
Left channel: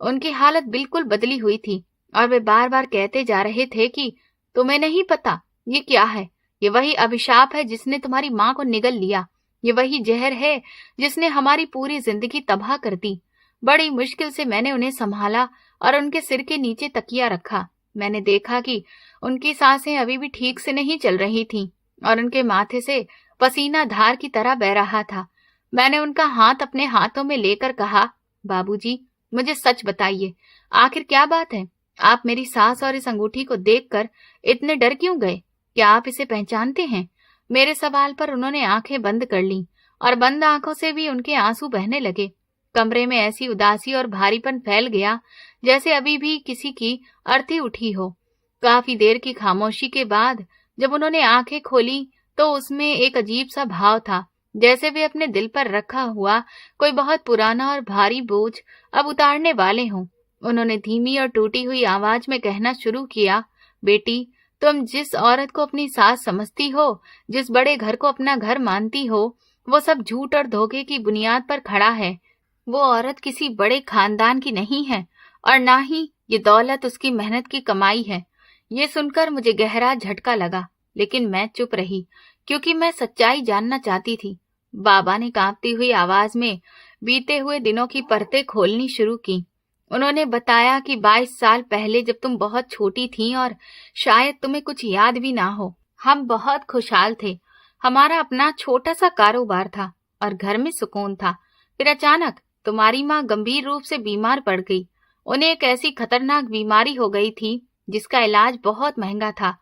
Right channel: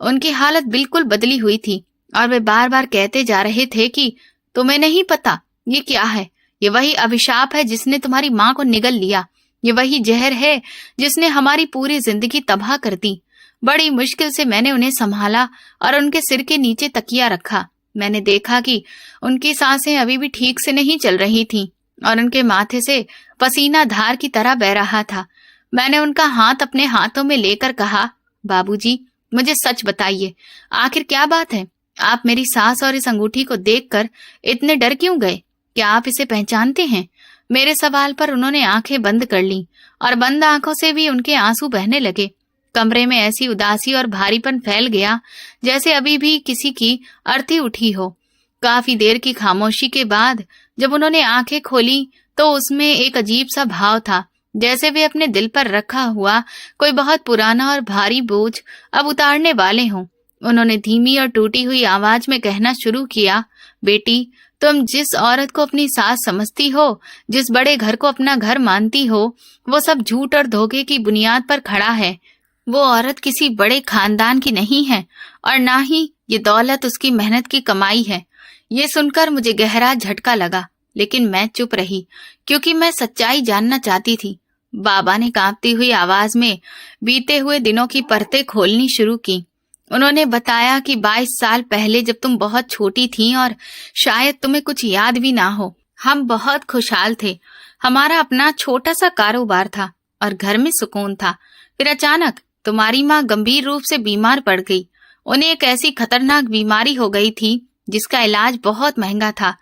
उनकी हालत बिल्कुल बदली हुई थी और वे बार बार कहते जा रहे थे कि तुम्हें नहीं पता ये क्या है, ये वही अभिशाप है जिसने तुम्हारी माँ को निगल लिया, ये वही जहर है जिसने हमारी पूरी जिंदगी तबाह कर दी। बड़ी मुश्किल से मैंने उन्हें संभाला और उनके सिर के नीचे तकिया रखा। मैंने देखा कि उनकी सांसें अभी भी ठीक से नहीं चल रही थीं और उनके माथे से पसीना धार की तरह बह रहा था। मैंने उनका हाथ अपने हाथों में लेकर कहा, बाबूजी मुझे सच बताइए, आखिर क्या बात है? आप मेरी सास और इस अंगूठी को देखकर इतने डर क्यों गए? क्या आप इसे पहचानते हैं? मेरे सवाल पर उन्होंने आंखें बंद कर लीं और बंद आंखों से भी उनके आंसू बहने लगे। कमरे में ऐसी उदासी और भारीपन फैल गया जैसे अभी भी किसी की अर्थी उठी हो। काफी देर की खामोशी के बाद जब उन्होंने आंखें खोली तो उसमें एक अजीब सा भाव था, जैसे वे अपने दिल पर रखा हुआ कोई बहुत पुराना और भारी बोझ अब उतारने वाले हों। उन्होंने धीमी और टूटी हुई आवाज में कहना शुरू किया, बेटी, तुम जिस औरत को अपनी सास समझती हो, जिस बड़े घर को अपना घर मानती हो, वो सब झूठ और धोखे की बुनियाद पर खड़ा है। वो औरत किसी बड़े खानदान की नहीं है और ना ही ये दौलत उसकी मेहनत की कमाई है। ये सुनकर मुझे गहरा झटका लगा, लेकिन मैं चुप रही क्योंकि मैं सच्चाई जानना चाहती थी। बाबा ने कांपती हुई आवाज में बीते हुए दिनों की परतें खोलनी शुरू की। उन्होंने बताया कि 22 साल पहले जब तुम बहुत छोटी थी और शायद तुम्हें कुछ याद भी ना हो, हम बहुत खुशहाल थे। हमारा अपना छोटा सा कारोबार था और घर में सुकून था। फिर अचानक तुम्हारी माँ गंभीर रूप से बीमार पड़ गई। उन्हें एक ऐसी खतरनाक बीमारी हो गई थी जिसका इलाज बहुत महंगा था।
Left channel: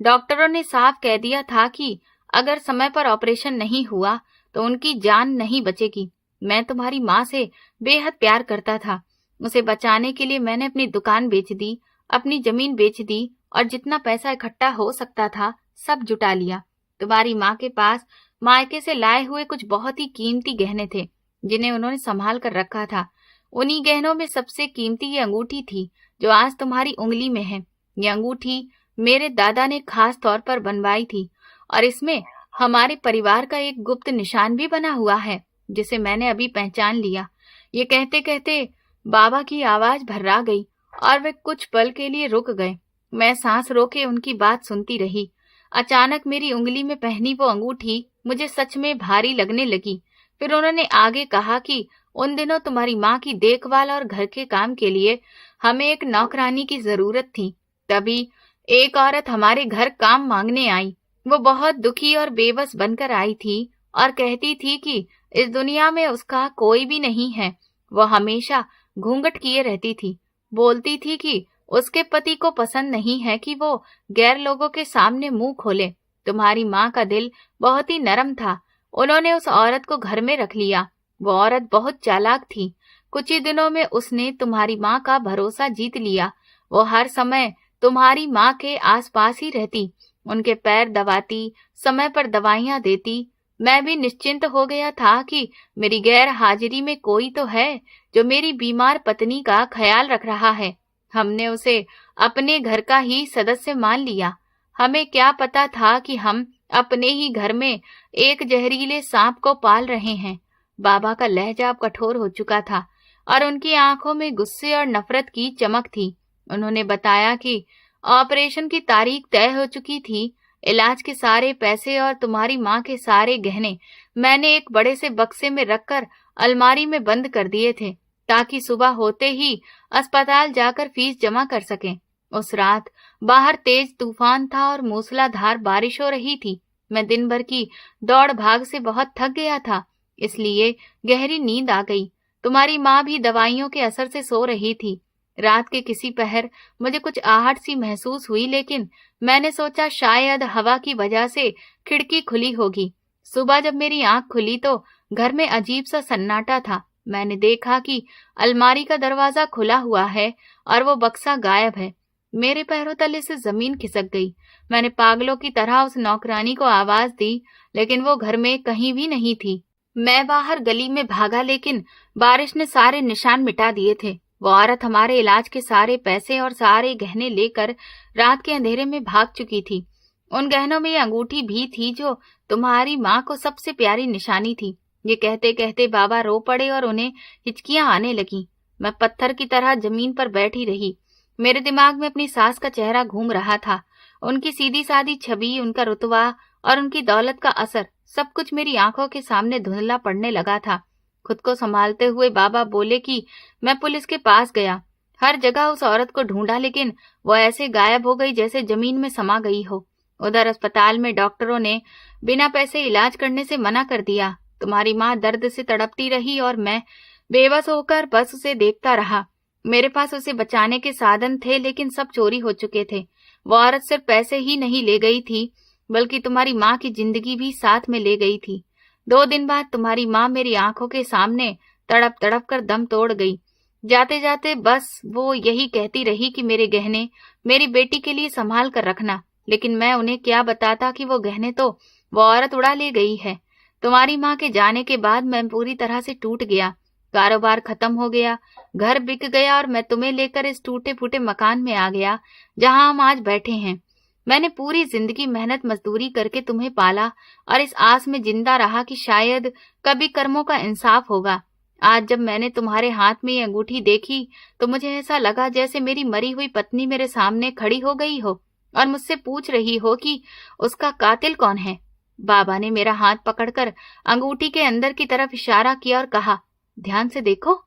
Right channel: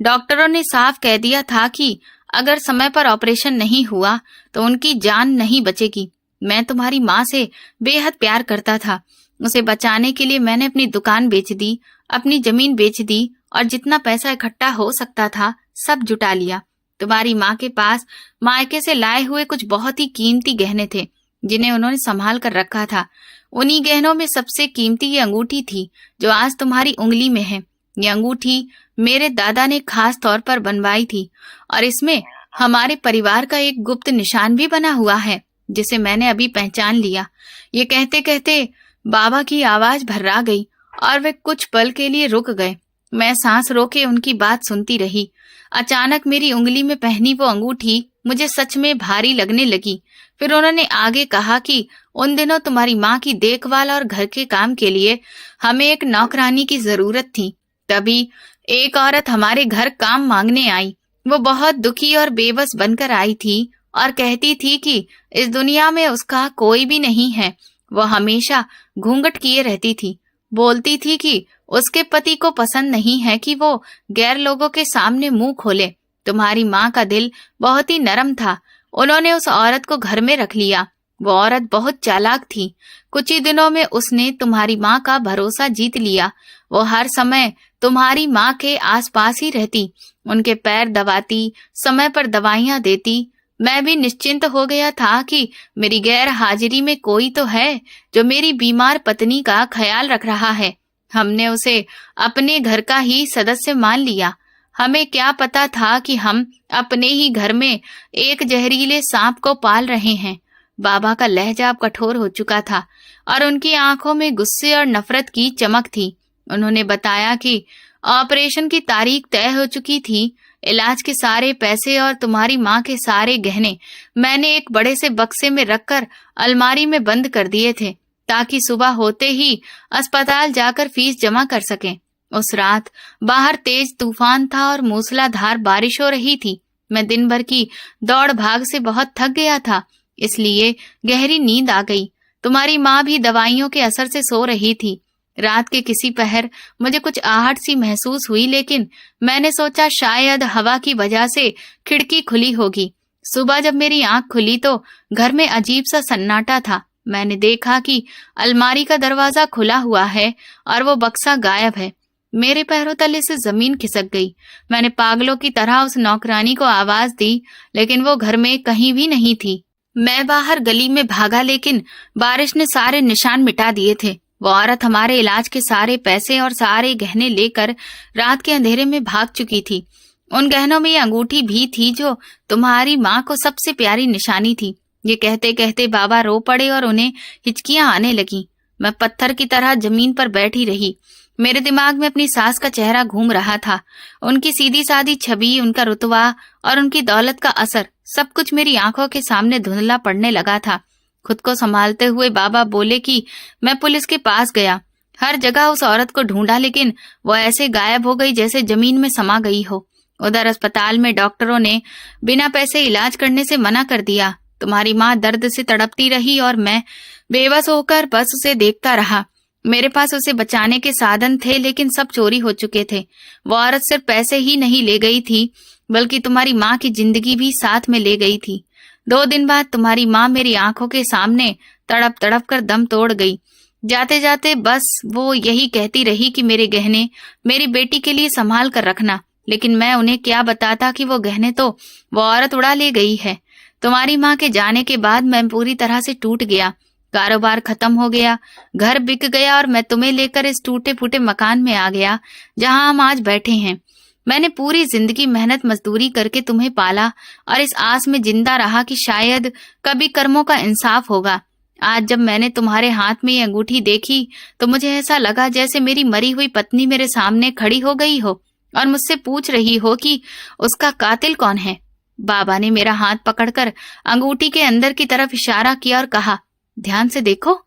डॉक्टरों ने साफ कह दिया था कि अगर समय पर ऑपरेशन नहीं हुआ तो उनकी जान नहीं बचेगी। मैं तुम्हारी माँ से बेहद प्यार करता था। उसे बचाने के लिए मैंने अपनी दुकान बेच दी, अपनी जमीन बेच दी और जितना पैसा इकट्ठा हो सकता था सब जुटा लिया। तुम्हारी माँ के पास मायके से लाए हुए कुछ बहुत ही कीमती गहने थे जिन्हें उन्होंने संभाल कर रखा था। उन्हीं गहनों में सबसे कीमती ये अंगूठी थी जो आज तुम्हारी उंगली में है। ये अंगूठी मेरे दादा ने खास तौर पर बनवाई थी और इसमें हमारे परिवार का एक गुप्त निशान भी बना हुआ है जिसे मैंने अभी पहचान लिया। ये कहते कहते बाबा की आवाज भर्रा गई और वे कुछ पल के लिए रुक गए। मैं सांस रोके उनकी बात सुनती रही। अचानक मेरी उंगली में पहनी वो अंगूठी मुझे सच में भारी लगने लगी। फिर उन्होंने आगे कहा कि उन दिनों तुम्हारी माँ की देखभाल और घर के काम के लिए हमें एक नौकरानी की जरूरत थी। तभी एक औरत हमारे घर काम मांगने आई। वो बहुत दुखी और बेबस बनकर आई थी और कहती थी कि इस दुनिया में उसका कोई भी नहीं है। वो हमेशा घूंघट किए रहती थी। बोलती थी कि उसके पति को पसंद नहीं है कि वो गैर लोगों के सामने मुंह खोले। तुम्हारी माँ का दिल बहुत ही नरम था। उन्होंने उस औरत को घर में रख लिया। वो औरत बहुत चालाक थी। कुछ ही दिनों में उसने तुम्हारी माँ का भरोसा जीत लिया। वो हर समय तुम्हारी माँ के आसपास ही रहती, उनके पैर दबाती, समय पर दवाइयाँ देती। मैं भी निश्चिंत हो गया था कि मेरी गैर हाजिरी में कोई तो है जो मेरी बीमार पत्नी का ख्याल रख रहा है। हमने उसे अपने घर का ही सदस्य मान लिया। हमें क्या पता था कि हम अपने ही घर में एक जहरीले सांप को पाल रहे हैं। बाबा का लहजा अब कठोर हो चुका था और उनकी आंखों में गुस्से और नफरत की चमक थी। उन्होंने बताया कि ऑपरेशन की तारीख तय हो चुकी थी। इलाज के सारे पैसे और तुम्हारी माँ के सारे गहने मैंने एक बड़े से बक्से में रखकर अलमारी में बंद कर दिए थे ताकि सुबह होते ही अस्पताल जाकर फीस जमा कर सकें। उस रात बाहर तेज तूफान था और मूसलाधार बारिश हो रही थी। मैं दिन भर की दौड़ भाग से बहुत थक गया था, इसलिए गहरी नींद आ गई। तुम्हारी माँ भी दवाइयों के असर से सो रही थी। रात के किसी पहर मुझे कुछ आहट सी महसूस हुई, लेकिन मैंने सोचा शायद हवा की वजह से खिड़की खुली होगी। सुबह जब मेरी आंख खुली तो घर में अजीब सा सन्नाटा था। मैंने देखा कि अलमारी का दरवाजा खुला हुआ है और वो बक्सा गायब है। मेरे पैरों तले से जमीन खिसक गई। मैंने पागलों की तरह उस नौकरानी को आवाज दी, लेकिन वो घर में कहीं भी नहीं थी। मैं बाहर गली में भागा, लेकिन बारिश ने सारे निशान मिटा दिए थे। वो औरत हमारे इलाज के सारे पैसे और सारे गहने लेकर रात के अंधेरे में भाग चुकी थी। उन गहनों में ये अंगूठी भी थी जो तुम्हारी माँ को सबसे प्यारी निशानी थी। ये कहते कहते बाबा रो पड़े और उन्हें हिचकियां आने लगी। मैं पत्थर की तरह जमीन पर बैठी रही। मेरे दिमाग में अपनी सास का चेहरा घूम रहा था। उनकी सीधी सादी छवि, उनका रुतबा और उनकी दौलत का असर, सब कुछ मेरी आंखों के सामने धुंधला पड़ने लगा था। खुद को संभालते हुए बाबा बोले कि मैं पुलिस के पास गया। हर जगह उस औरत को ढूंढा, लेकिन वो ऐसे गायब हो गई जैसे जमीन में समा गई हो। उधर अस्पताल में डॉक्टरों ने बिना पैसे इलाज करने से मना कर दिया। तुम्हारी माँ दर्द से तड़पती रही और मैं बेबस होकर बस उसे देखता रहा। मेरे पास उसे बचाने के साधन थे, लेकिन सब चोरी हो चुके थे। वो औरत सिर्फ पैसे ही नहीं ले गई थी, बल्कि तुम्हारी माँ की जिंदगी भी साथ में ले गई थी। 2 दिन बाद तुम्हारी माँ मेरी आंखों के सामने तड़प तड़प कर दम तोड़ गई। जाते जाते बस वो यही कहती रही कि मेरे गहने मेरी बेटी के लिए संभाल कर रखना, लेकिन मैं उन्हें क्या बताता कि वो गहने तो वो औरत उड़ा ले गई है। तुम्हारी माँ के जाने के बाद मैं पूरी तरह से टूट गया। कारोबार खत्म हो गया, घर बिक गया और मैं तुम्हें लेकर इस टूटे फूटे मकान में आ गया जहां हम आज बैठे हैं। मैंने पूरी जिंदगी मेहनत मजदूरी करके तुम्हें पाला और इस आस में जिंदा रहा कि शायद कभी कर्मों का इंसाफ होगा। आज जब मैंने तुम्हारे हाथ में ये अंगूठी देखी तो मुझे ऐसा लगा जैसे मेरी मरी हुई पत्नी मेरे सामने खड़ी हो गई हो और मुझसे पूछ रही हो कि उसका कातिल कौन है। बाबा ने मेरा हाथ पकड़कर अंगूठी के अंदर की तरफ इशारा किया और कहा, ध्यान से देखो,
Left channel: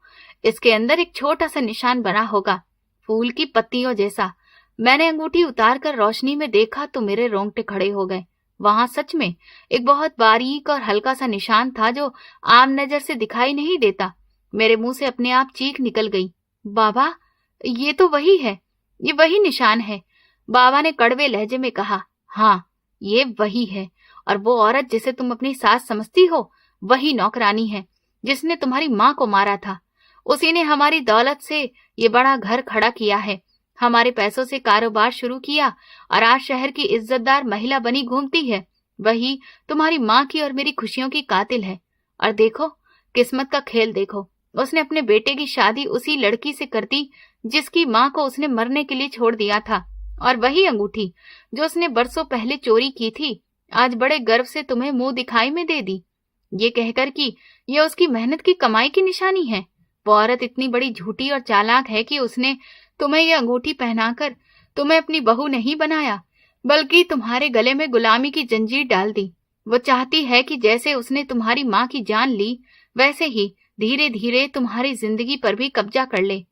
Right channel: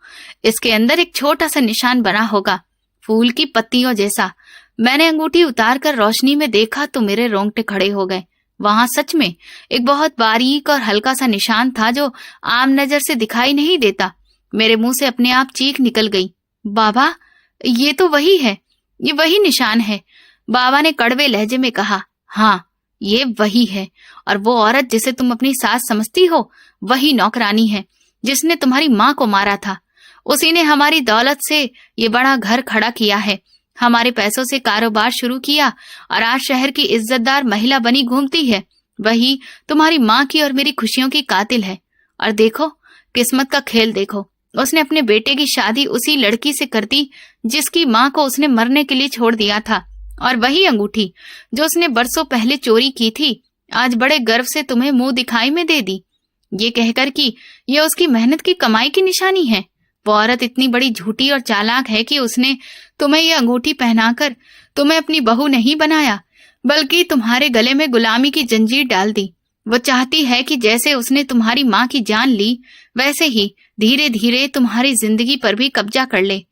इसके अंदर एक छोटा सा निशान बना होगा, फूल की पत्तियों जैसा। मैंने अंगूठी उतार कर रोशनी में देखा तो मेरे रोंगटे खड़े हो गए। वहां सच में एक बहुत बारीक और हल्का सा निशान था जो आम नजर से दिखाई नहीं देता। मेरे मुंह से अपने आप चीख निकल गई, बाबा, ये तो वही है, ये वही निशान है। बाबा ने कड़वे लहजे में कहा, हाँ, ये वही है। और वो औरत जिसे तुम अपनी सास समझती हो, वही नौकरानी है जिसने तुम्हारी माँ को मारा था। उसी ने हमारी दौलत से ये बड़ा घर खड़ा किया है, हमारे पैसों से कारोबार शुरू किया और आज शहर की इज्जतदार महिला बनी घूमती है। वही तुम्हारी माँ की और मेरी खुशियों की कातिल है। और देखो, किस्मत का खेल देखो, उसने अपने बेटे की शादी उसी लड़की से कर दी जिसकी माँ को उसने मरने के लिए छोड़ दिया था। और वही अंगूठी जो उसने बरसों पहले चोरी की थी, आज बड़े गर्व से तुम्हें मुंह दिखाई में दे दी, ये कहकर कि ये उसकी मेहनत की कमाई की निशानी है। वो औरत इतनी बड़ी झूठी और चालाक है कि उसने तुम्हें ये अंगूठी पहनाकर तुम्हें अपनी बहू नहीं बनाया, बल्कि तुम्हारे गले में गुलामी की जंजीर डाल दी। वो चाहती है कि जैसे उसने तुम्हारी माँ की जान ली, वैसे ही धीरे धीरे तुम्हारी जिंदगी पर भी कब्जा कर ले।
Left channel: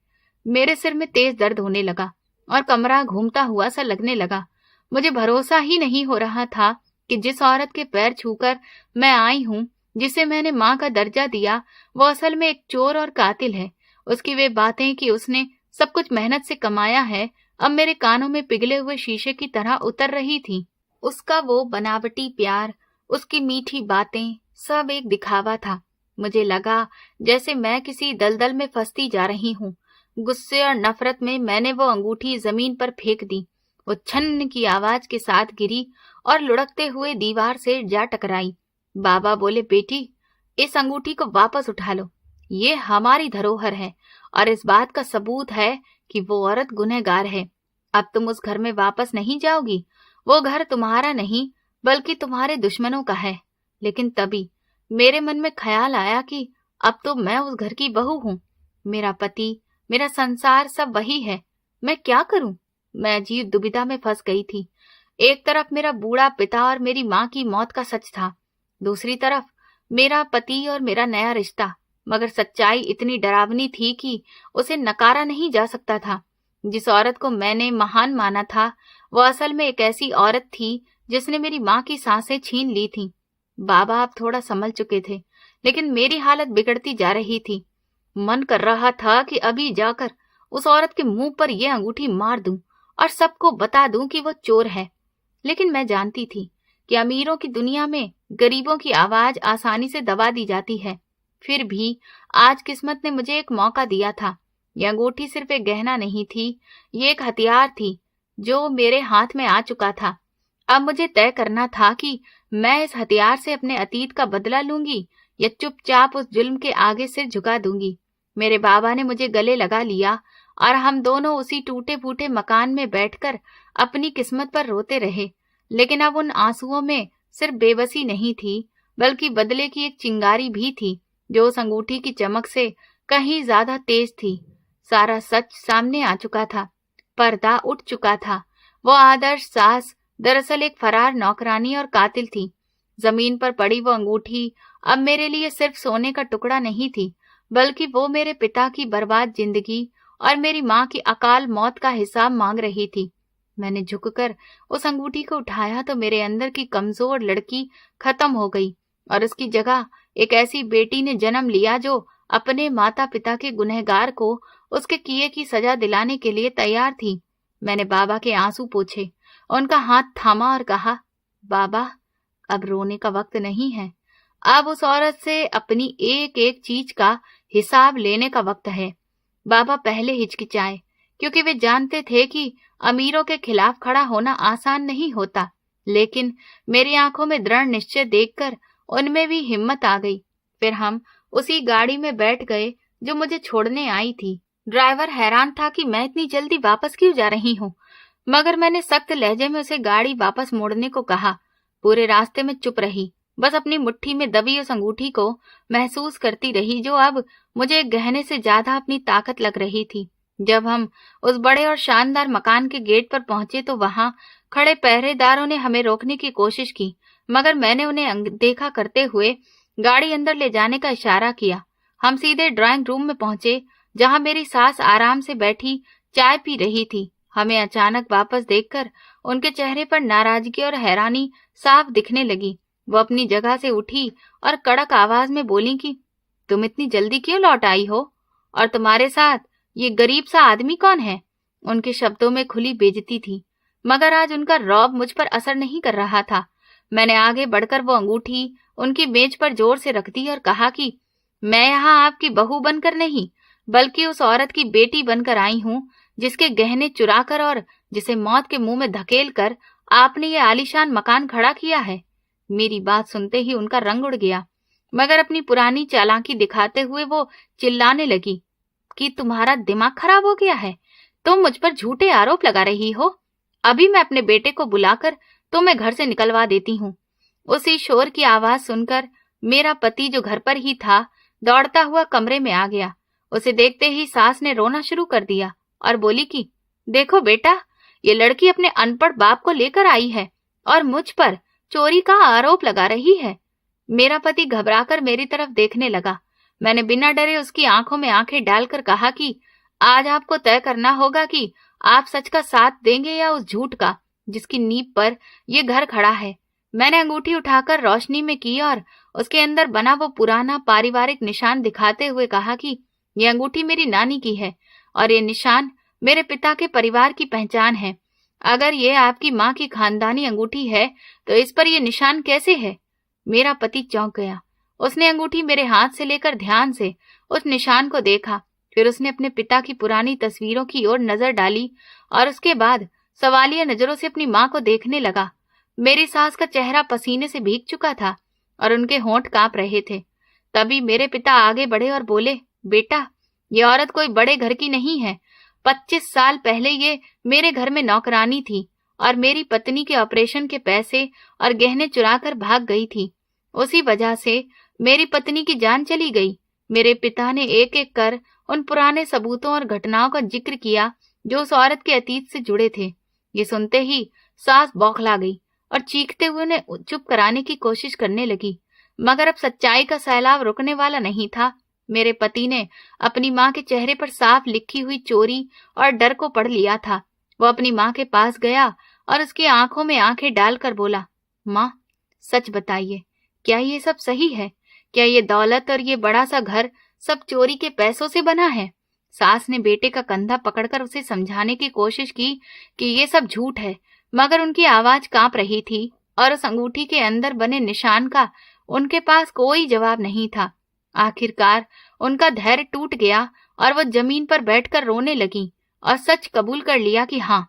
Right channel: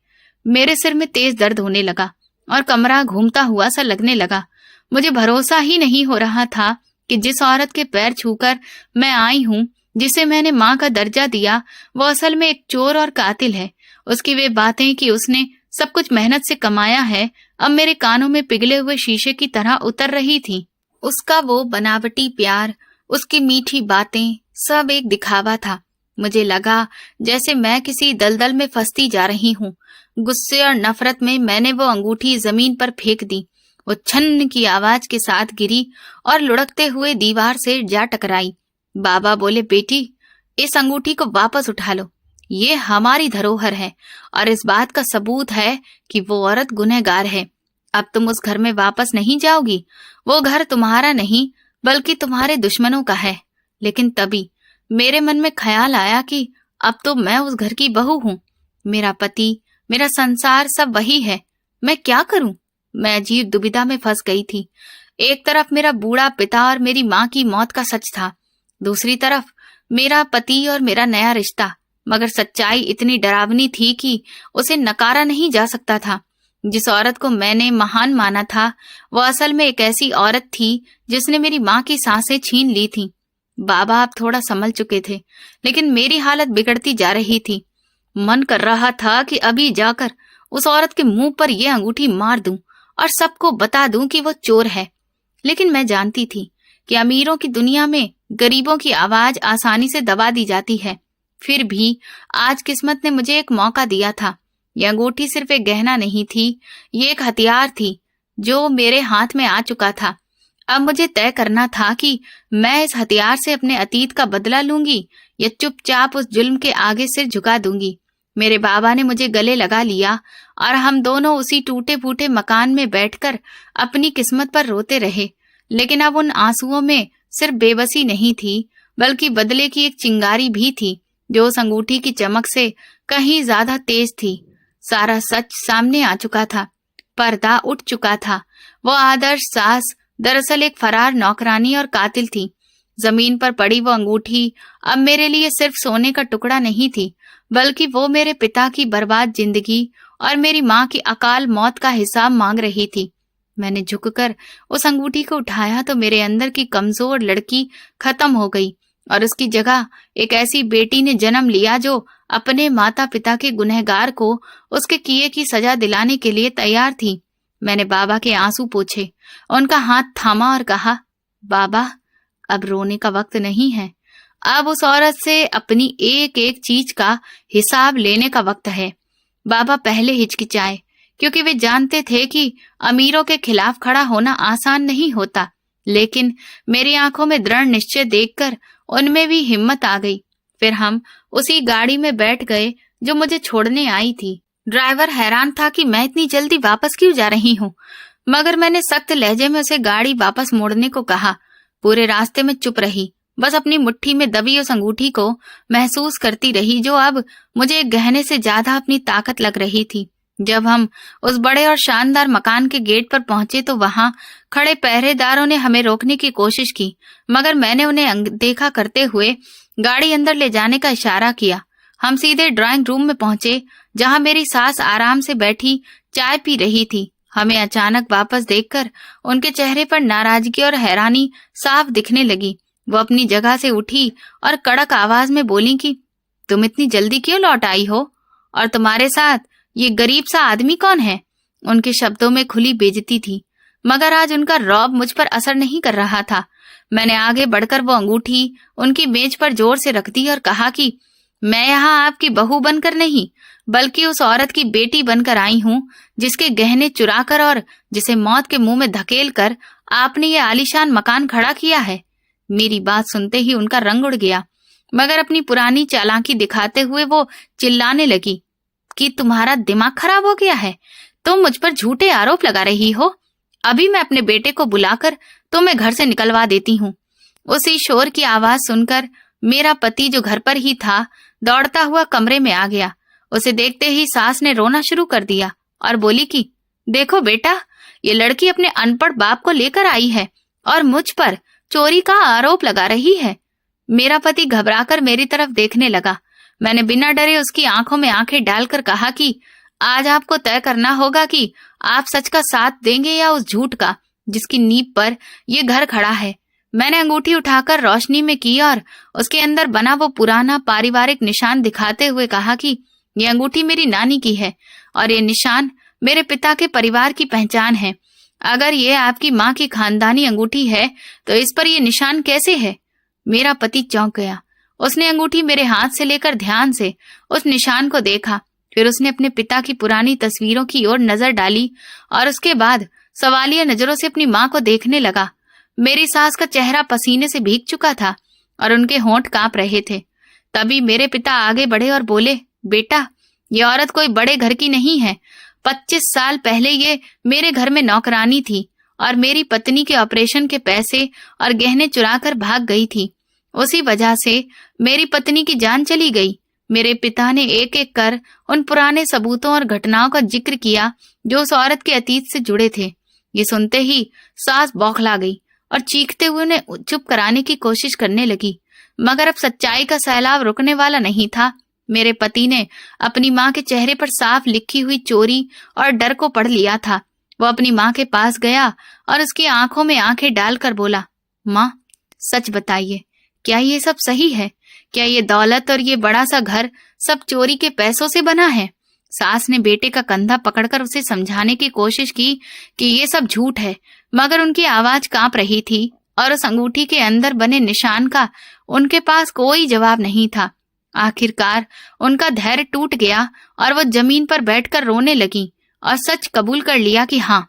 मेरे सिर में तेज दर्द होने लगा और कमरा घूमता हुआ सा लगने लगा। मुझे भरोसा ही नहीं हो रहा था कि जिस औरत के पैर छूकर मैं आई हूँ, जिसे मैंने माँ का दर्जा दिया, वो असल में एक चोर और कातिल है। उसकी वे बातें कि उसने सब कुछ मेहनत से कमाया है, अब मेरे कानों में पिघले हुए शीशे की तरह उतर रही थी। उसका वो बनावटी प्यार, उसकी मीठी बातें, सब एक दिखावा था। मुझे लगा जैसे मैं किसी दलदल में फंसती जा रही हूँ। गुस्से और नफरत में मैंने वो अंगूठी जमीन पर फेंक दी। वो छन्न की आवाज के साथ गिरी और लुढ़कते हुए दीवार से जा टकराई। बाबा बोले, बेटी, इस अंगूठी को वापस उठा लो, ये हमारी धरोहर है और इस बात का सबूत है कि वो औरत गुनहगार है। अब तुम उस घर में वापस नहीं जाओगी। वो घर तुम्हारा नहीं बल्कि तुम्हारे दुश्मनों का है। लेकिन तभी मेरे मन में ख्याल आया कि अब तो मैं उस घर की बहू हूँ, मेरा पति, मेरा संसार सब वही है। मैं क्या करूं? मैं अजीब दुविधा में फंस गई थी। एक तरफ मेरा बूढ़ा पिता और मेरी माँ की मौत का सच था, दूसरी तरफ मेरा पति और मेरा नया रिश्ता। मगर सच्चाई इतनी डरावनी थी कि उसे नकारा नहीं जा सकता था। जिस औरत को मैंने महान माना था, वो असल में एक ऐसी औरत थी जिसने मेरी माँ की सांसें छीन ली थीं। बाबा अब थोड़ा संभल चुके थे, लेकिन मेरी हालत बिगड़ती जा रही थी। मन कर रहा था कि अभी जाकर उस औरत के मुंह पर यह अंगूठी मार दूं और सबको बता दूं कि वो चोर है। लेकिन मैं जानती थी कि अमीरों की दुनिया में गरीबों की आवाज आसानी से दबा दी जाती है। फिर भी आज किस्मत ने मुझे एक मौका दिया था। यह अंगूठी सिर्फ एक गहना नहीं थी, ये एक हथियार थी जो मेरे हाथ में आ चुका था। अब मुझे तय करना था कि मैं इस हथियार से अपने अतीत का बदला लूंगी या चुपचाप उस जुल्म के आगे सिर झुका दूंगी। मेरे बाबा ने मुझे गले लगा लिया और हम दोनों उसी टूटे फूटे मकान में बैठकर अपनी किस्मत पर रोते रहे। लेकिन अब उन आंसुओं में सिर्फ बेबसी नहीं थी, बल्कि बदले की एक चिंगारी भी थी जो उस अंगूठी की चमक से कहीं ज्यादा तेज थी। सारा सच सामने आ चुका था, पर्दा उठ चुका था। वो आदर्श सास दरअसल एक फरार नौकरानी और कातिल थी। जमीन पर पड़ी वो अंगूठी अब मेरे लिए सिर्फ सोने का टुकड़ा नहीं थी, बल्कि वो मेरे पिता की बर्बाद जिंदगी और मेरी माँ की अकाल मौत का हिसाब मांग रही थी। मैंने झुककर उस अंगूठी को उठाया तो मेरे अंदर की कमजोर लड़की खत्म हो गई और उसकी जगह एक ऐसी बेटी ने जन्म लिया जो अपने माता पिता के गुनहगार को उसके किए की सजा दिलाने के लिए तैयार थी। मैंने बाबा के आंसू पोंछे, उनका हाथ थामा और कहा, बाबा, अब रोने का वक्त नहीं है। अब उस औरत से अपनी एक एक चीज का हिसाब लेने का वक्त है। बाबा पहले हिचकिचाए, क्योंकि वे जानते थे कि अमीरों के खिलाफ खड़ा होना आसान नहीं होता, लेकिन मेरी आंखों में दृढ़ निश्चय देखकर उनमें भी हिम्मत आ गई। फिर हम उसी गाड़ी में बैठ गए जो मुझे छोड़ने आई थी। ड्राइवर हैरान था कि मैं इतनी जल्दी वापस क्यों जा रही हूँ, मगर मैंने सख्त लहजे में उसे गाड़ी वापस मोड़ने को कहा। पूरे रास्ते में चुप रही, बस अपनी मुट्ठी में दबी उस अंगूठी को महसूस करती रही, जो अब मुझे एक गहने से ज्यादा अपनी ताकत लग रही थी। जब हम उस बड़े और शानदार मकान के गेट पर पहुंचे तो वहां खड़े पहरेदारों ने हमें रोकने की कोशिश की, मगर मैंने उन्हें अनदेखा करते हुए गाड़ी अंदर ले जाने का इशारा किया। हम सीधे ड्राइंग रूम में पहुंचे, जहां मेरी सास आराम से बैठी चाय पी रही थी। हमें अचानक वापस देखकर उनके चेहरे पर नाराजगी और हैरानी साफ दिखने लगी। वो अपनी जगह से उठी और कड़क आवाज में बोली कि तुम इतनी जल्दी क्यों लौट आई हो, और तुम्हारे साथ ये गरीब सा आदमी कौन है? उनके शब्दों में खुली बेइज्जती थी, मगर आज उनका रौब मुझ पर असर नहीं कर रहा था। मैंने आगे बढ़कर वो अंगूठी उनकी मेज पर जोर से रख दी और कहा कि मैं यहाँ आपकी बहू बनकर नहीं, बल्कि उस औरत की बेटी बनकर आई हूँ जिसके गहने चुराकर और जिसे मौत के मुंह में धकेल कर आपने ये आलीशान मकान खड़ा किया है। मेरी बात सुनते ही उनका रंग उड़ गया, मगर अपनी पुरानी चालाकी दिखाते हुए वो चिल्लाने लगी कि तुम्हारा दिमाग खराब हो गया है, तुम मुझ पर झूठे आरोप लगा रही हो। अभी मैं अपने बेटे को बुलाकर तुम्हें घर से निकलवा देती हूँ। उसी शोर की आवाज सुनकर मेरा पति, जो घर पर ही था, दौड़ता हुआ कमरे में आ गया। उसे देखते ही सास ने रोना शुरू कर दिया और बोली कि देखो बेटा, ये लड़की अपने अनपढ़ बाप को लेकर आई है और मुझ पर चोरी का आरोप लगा रही है। मेरा पति घबराकर मेरी तरफ देखने लगा। मैंने बिना डरे उसकी आंखों में आंखें डालकर कहा कि आज आपको तय करना होगा कि आप सच का साथ देंगे या उस झूठ का जिसकी नींव पर यह घर खड़ा है। मैंने अंगूठी उठाकर रोशनी में की और उसके अंदर बना वो पुराना पारिवारिक निशान दिखाते हुए कहा कि ये अंगूठी मेरी नानी की है और ये निशान मेरे पिता के परिवार की पहचान है। अगर ये आपकी माँ की खानदानी अंगूठी है तो इस पर ये निशान कैसे है? मेरा पति चौंक गया। उसने अंगूठी मेरे हाथ से लेकर ध्यान से उस निशान को देखा, फिर उसने अपने पिता की पुरानी तस्वीरों की ओर नजर डाली और उसके बाद सवालिया नजरों से अपनी माँ को देखने लगा। मेरी सास का चेहरा पसीने से भीग चुका था और उनके होंठ कांप रहे थे। तभी मेरे पिता आगे बढ़े और बोले, बेटा, ये औरत कोई बड़े घर की नहीं है। 25 साल पहले ये मेरे घर में नौकरानी थी और मेरी पत्नी के ऑपरेशन के पैसे और गहने चुराकर भाग गई थी। उसी वजह से मेरी पत्नी की जान चली गई। मेरे पिता ने एक एक कर उन पुराने सबूतों और घटनाओं का जिक्र किया जो उस औरत के अतीत से जुड़े थे। ये सुनते ही सास बौखला गई और चीखते हुए उन्हें चुप कराने की कोशिश करने लगी, मगर अब सच्चाई का सैलाब रुकने वाला नहीं था। मेरे पति ने अपनी माँ के चेहरे पर साफ लिखी हुई चोरी और डर को पढ़ लिया था। वो अपनी माँ के पास गया और उसकी आंखों में आंखें डालकर बोला, माँ, सच बताइए, क्या ये सब सही है? क्या ये दौलत और ये बड़ा सा घर सब चोरी के पैसों से बना है? सास ने बेटे का कंधा पकड़कर उसे समझाने की कोशिश की कि ये सब झूठ है, मगर उनकी आवाज कांप रही थी और उस अंगूठी के अंदर बने निशान का उनके पास कोई जवाब नहीं था। आखिरकार उनका धैर्य टूट गया और वो जमीन पर बैठकर रोने लगी और सच कबूल कर लिया कि हाँ,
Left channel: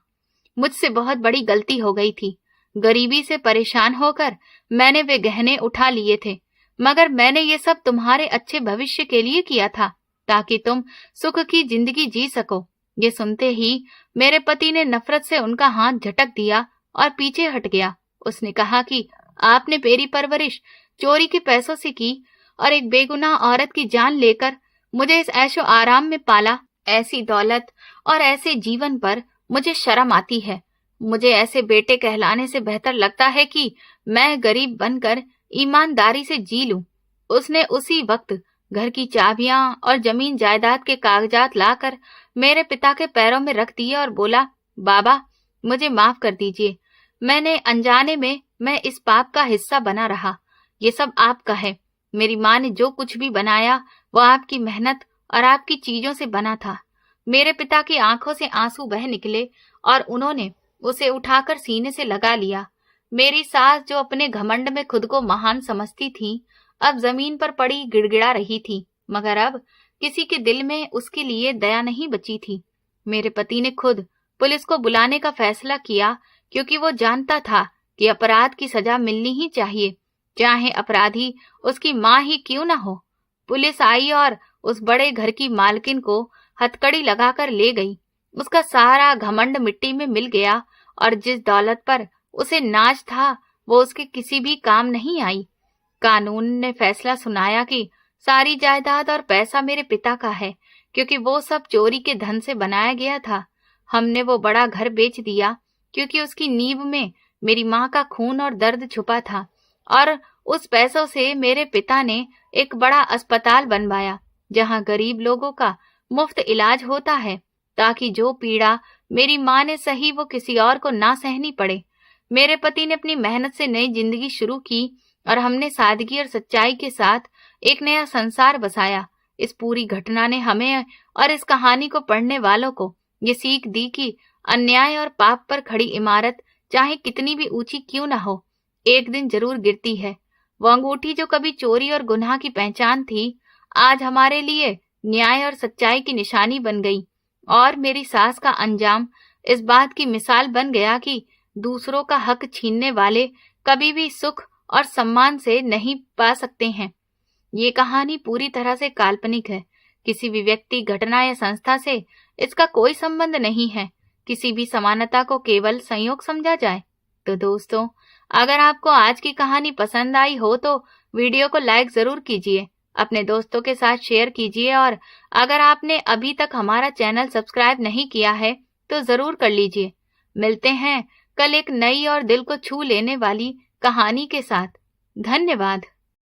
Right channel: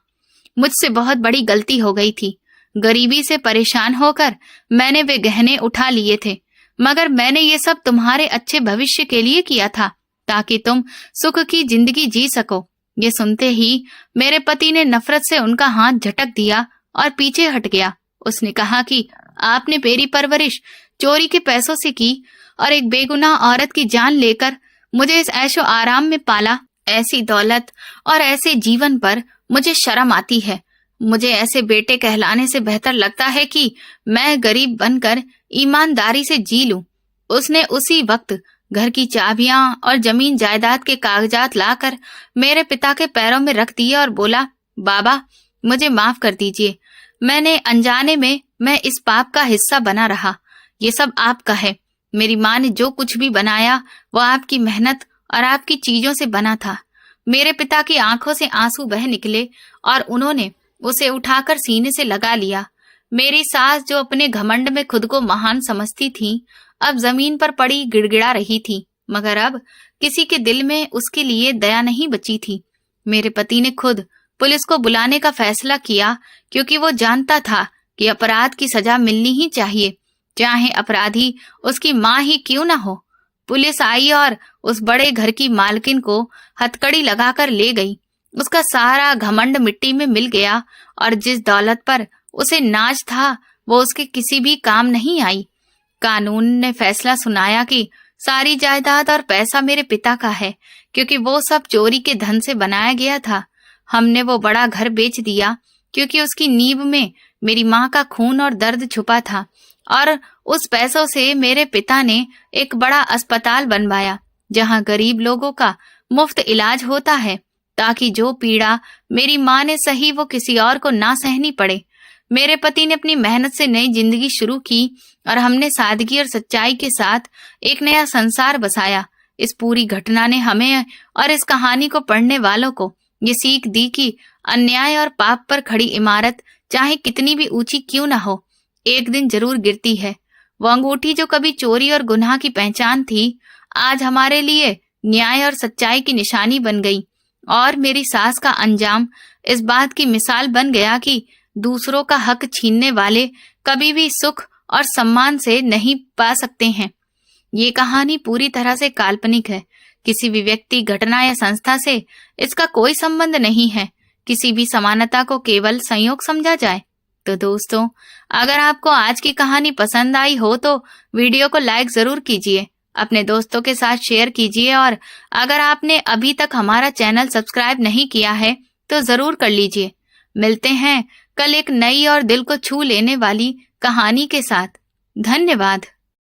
मुझसे बहुत बड़ी गलती हो गई थी। गरीबी से परेशान होकर मैंने वे गहने उठा लिए थे, मगर मैंने ये सब तुम्हारे अच्छे भविष्य के लिए किया था, ताकि तुम सुख की जिंदगी जी सको। ये सुनते ही मेरे पति ने नफरत से उनका हाथ झटक दिया और पीछे हट गया। उसने कहा कि आपने मेरी परवरिश चोरी के पैसों से की और एक बेगुनाह औरत की जान लेकर मुझे इस ऐशो आराम में पाला। ऐसी दौलत और ऐसे जीवन पर मुझे शर्म आती है। मुझे ऐसे बेटे कहलाने से बेहतर लगता है कि मैं गरीब बनकर ईमानदारी से जी लूं। उसने उसी वक्त घर की चाबियां और जमीन जायदाद के कागजात लाकर मेरे पिता के पैरों में रख दिए और बोला, बाबा, मुझे माफ कर दीजिए। मैंने अनजाने में मैं इस पाप का हिस्सा बना रहा। ये सब आपका है। मेरी माँ ने जो कुछ भी बनाया वो आपकी मेहनत और आपकी चीजों से बना था। मेरे पिता की आंखों से आंसू बह निकले और उन्होंने उसे उठाकर सीने से लगा लिया। मेरी सास, जो अपने घमंड में खुद को महान समझती थी, अब जमीन पर पड़ी गिड़गिड़ा रही थी, मगर अब किसी के दिल में उसके लिए दया नहीं बची थी। मेरे पति ने खुद पुलिस को बुलाने का फैसला किया, क्योंकि वो जानता था कि अपराध की सजा मिलनी ही चाहिए, चाहे अपराधी उसकी माँ ही क्यों न हो। पुलिस आई और उस बड़े घर की मालकिन को हथकड़ी लगाकर ले गई। उसका सारा घमंड मिट्टी में मिल गया और जिस दौलत पर उसे नाज था वो उसके किसी भी काम नहीं आई। कानून ने फैसला सुनाया कि सारी जायदाद और पैसा मेरे पिता का है, क्योंकि वो सब चोरी के धन से बनाया गया था। हमने वो बड़ा घर बेच दिया, क्योंकि उसकी नींव में मेरी माँ का खून और दर्द छुपा था, और उस पैसों से मेरे पिता ने एक बड़ा अस्पताल बनवाया, जहाँ गरीब लोगों का मुफ्त इलाज होता है, ताकि जो पीड़ा मेरी माँ ने सही वो किसी और को ना सहनी पड़े। मेरे पति ने अपनी मेहनत से नई जिंदगी शुरू की और हमने सादगी और सच्चाई के साथ एक नया संसार बसाया। इस पूरी घटना ने हमें और इस कहानी को पढ़ने वालों को ये सीख दी कि अन्याय और पाप पर खड़ी इमारत चाहे कितनी भी ऊंची क्यों ना हो, एक दिन जरूर गिरती है। वो अंगूठी जो कभी चोरी और गुनाह की पहचान थी, आज हमारे लिए न्याय और सच्चाई की निशानी बन गई। और मेरी सास का अंजाम इस बात की मिसाल बन गया कि दूसरों का हक छीनने वाले कभी भी सुख और सम्मान से नहीं पा सकते हैं। ये कहानी पूरी तरह से काल्पनिक है। किसी भी व्यक्ति, घटना या संस्था से इसका कोई संबंध नहीं है। किसी भी समानता को केवल संयोग समझा जाए। तो दोस्तों, अगर आपको आज की कहानी पसंद आई हो तो वीडियो को लाइक जरूर कीजिए, अपने दोस्तों के साथ शेयर कीजिए, और अगर आपने अभी तक हमारा चैनल सब्सक्राइब नहीं किया है तो जरूर कर लीजिए। मिलते हैं कल एक नई और दिल को छू लेने वाली कहानी के साथ। धन्यवाद।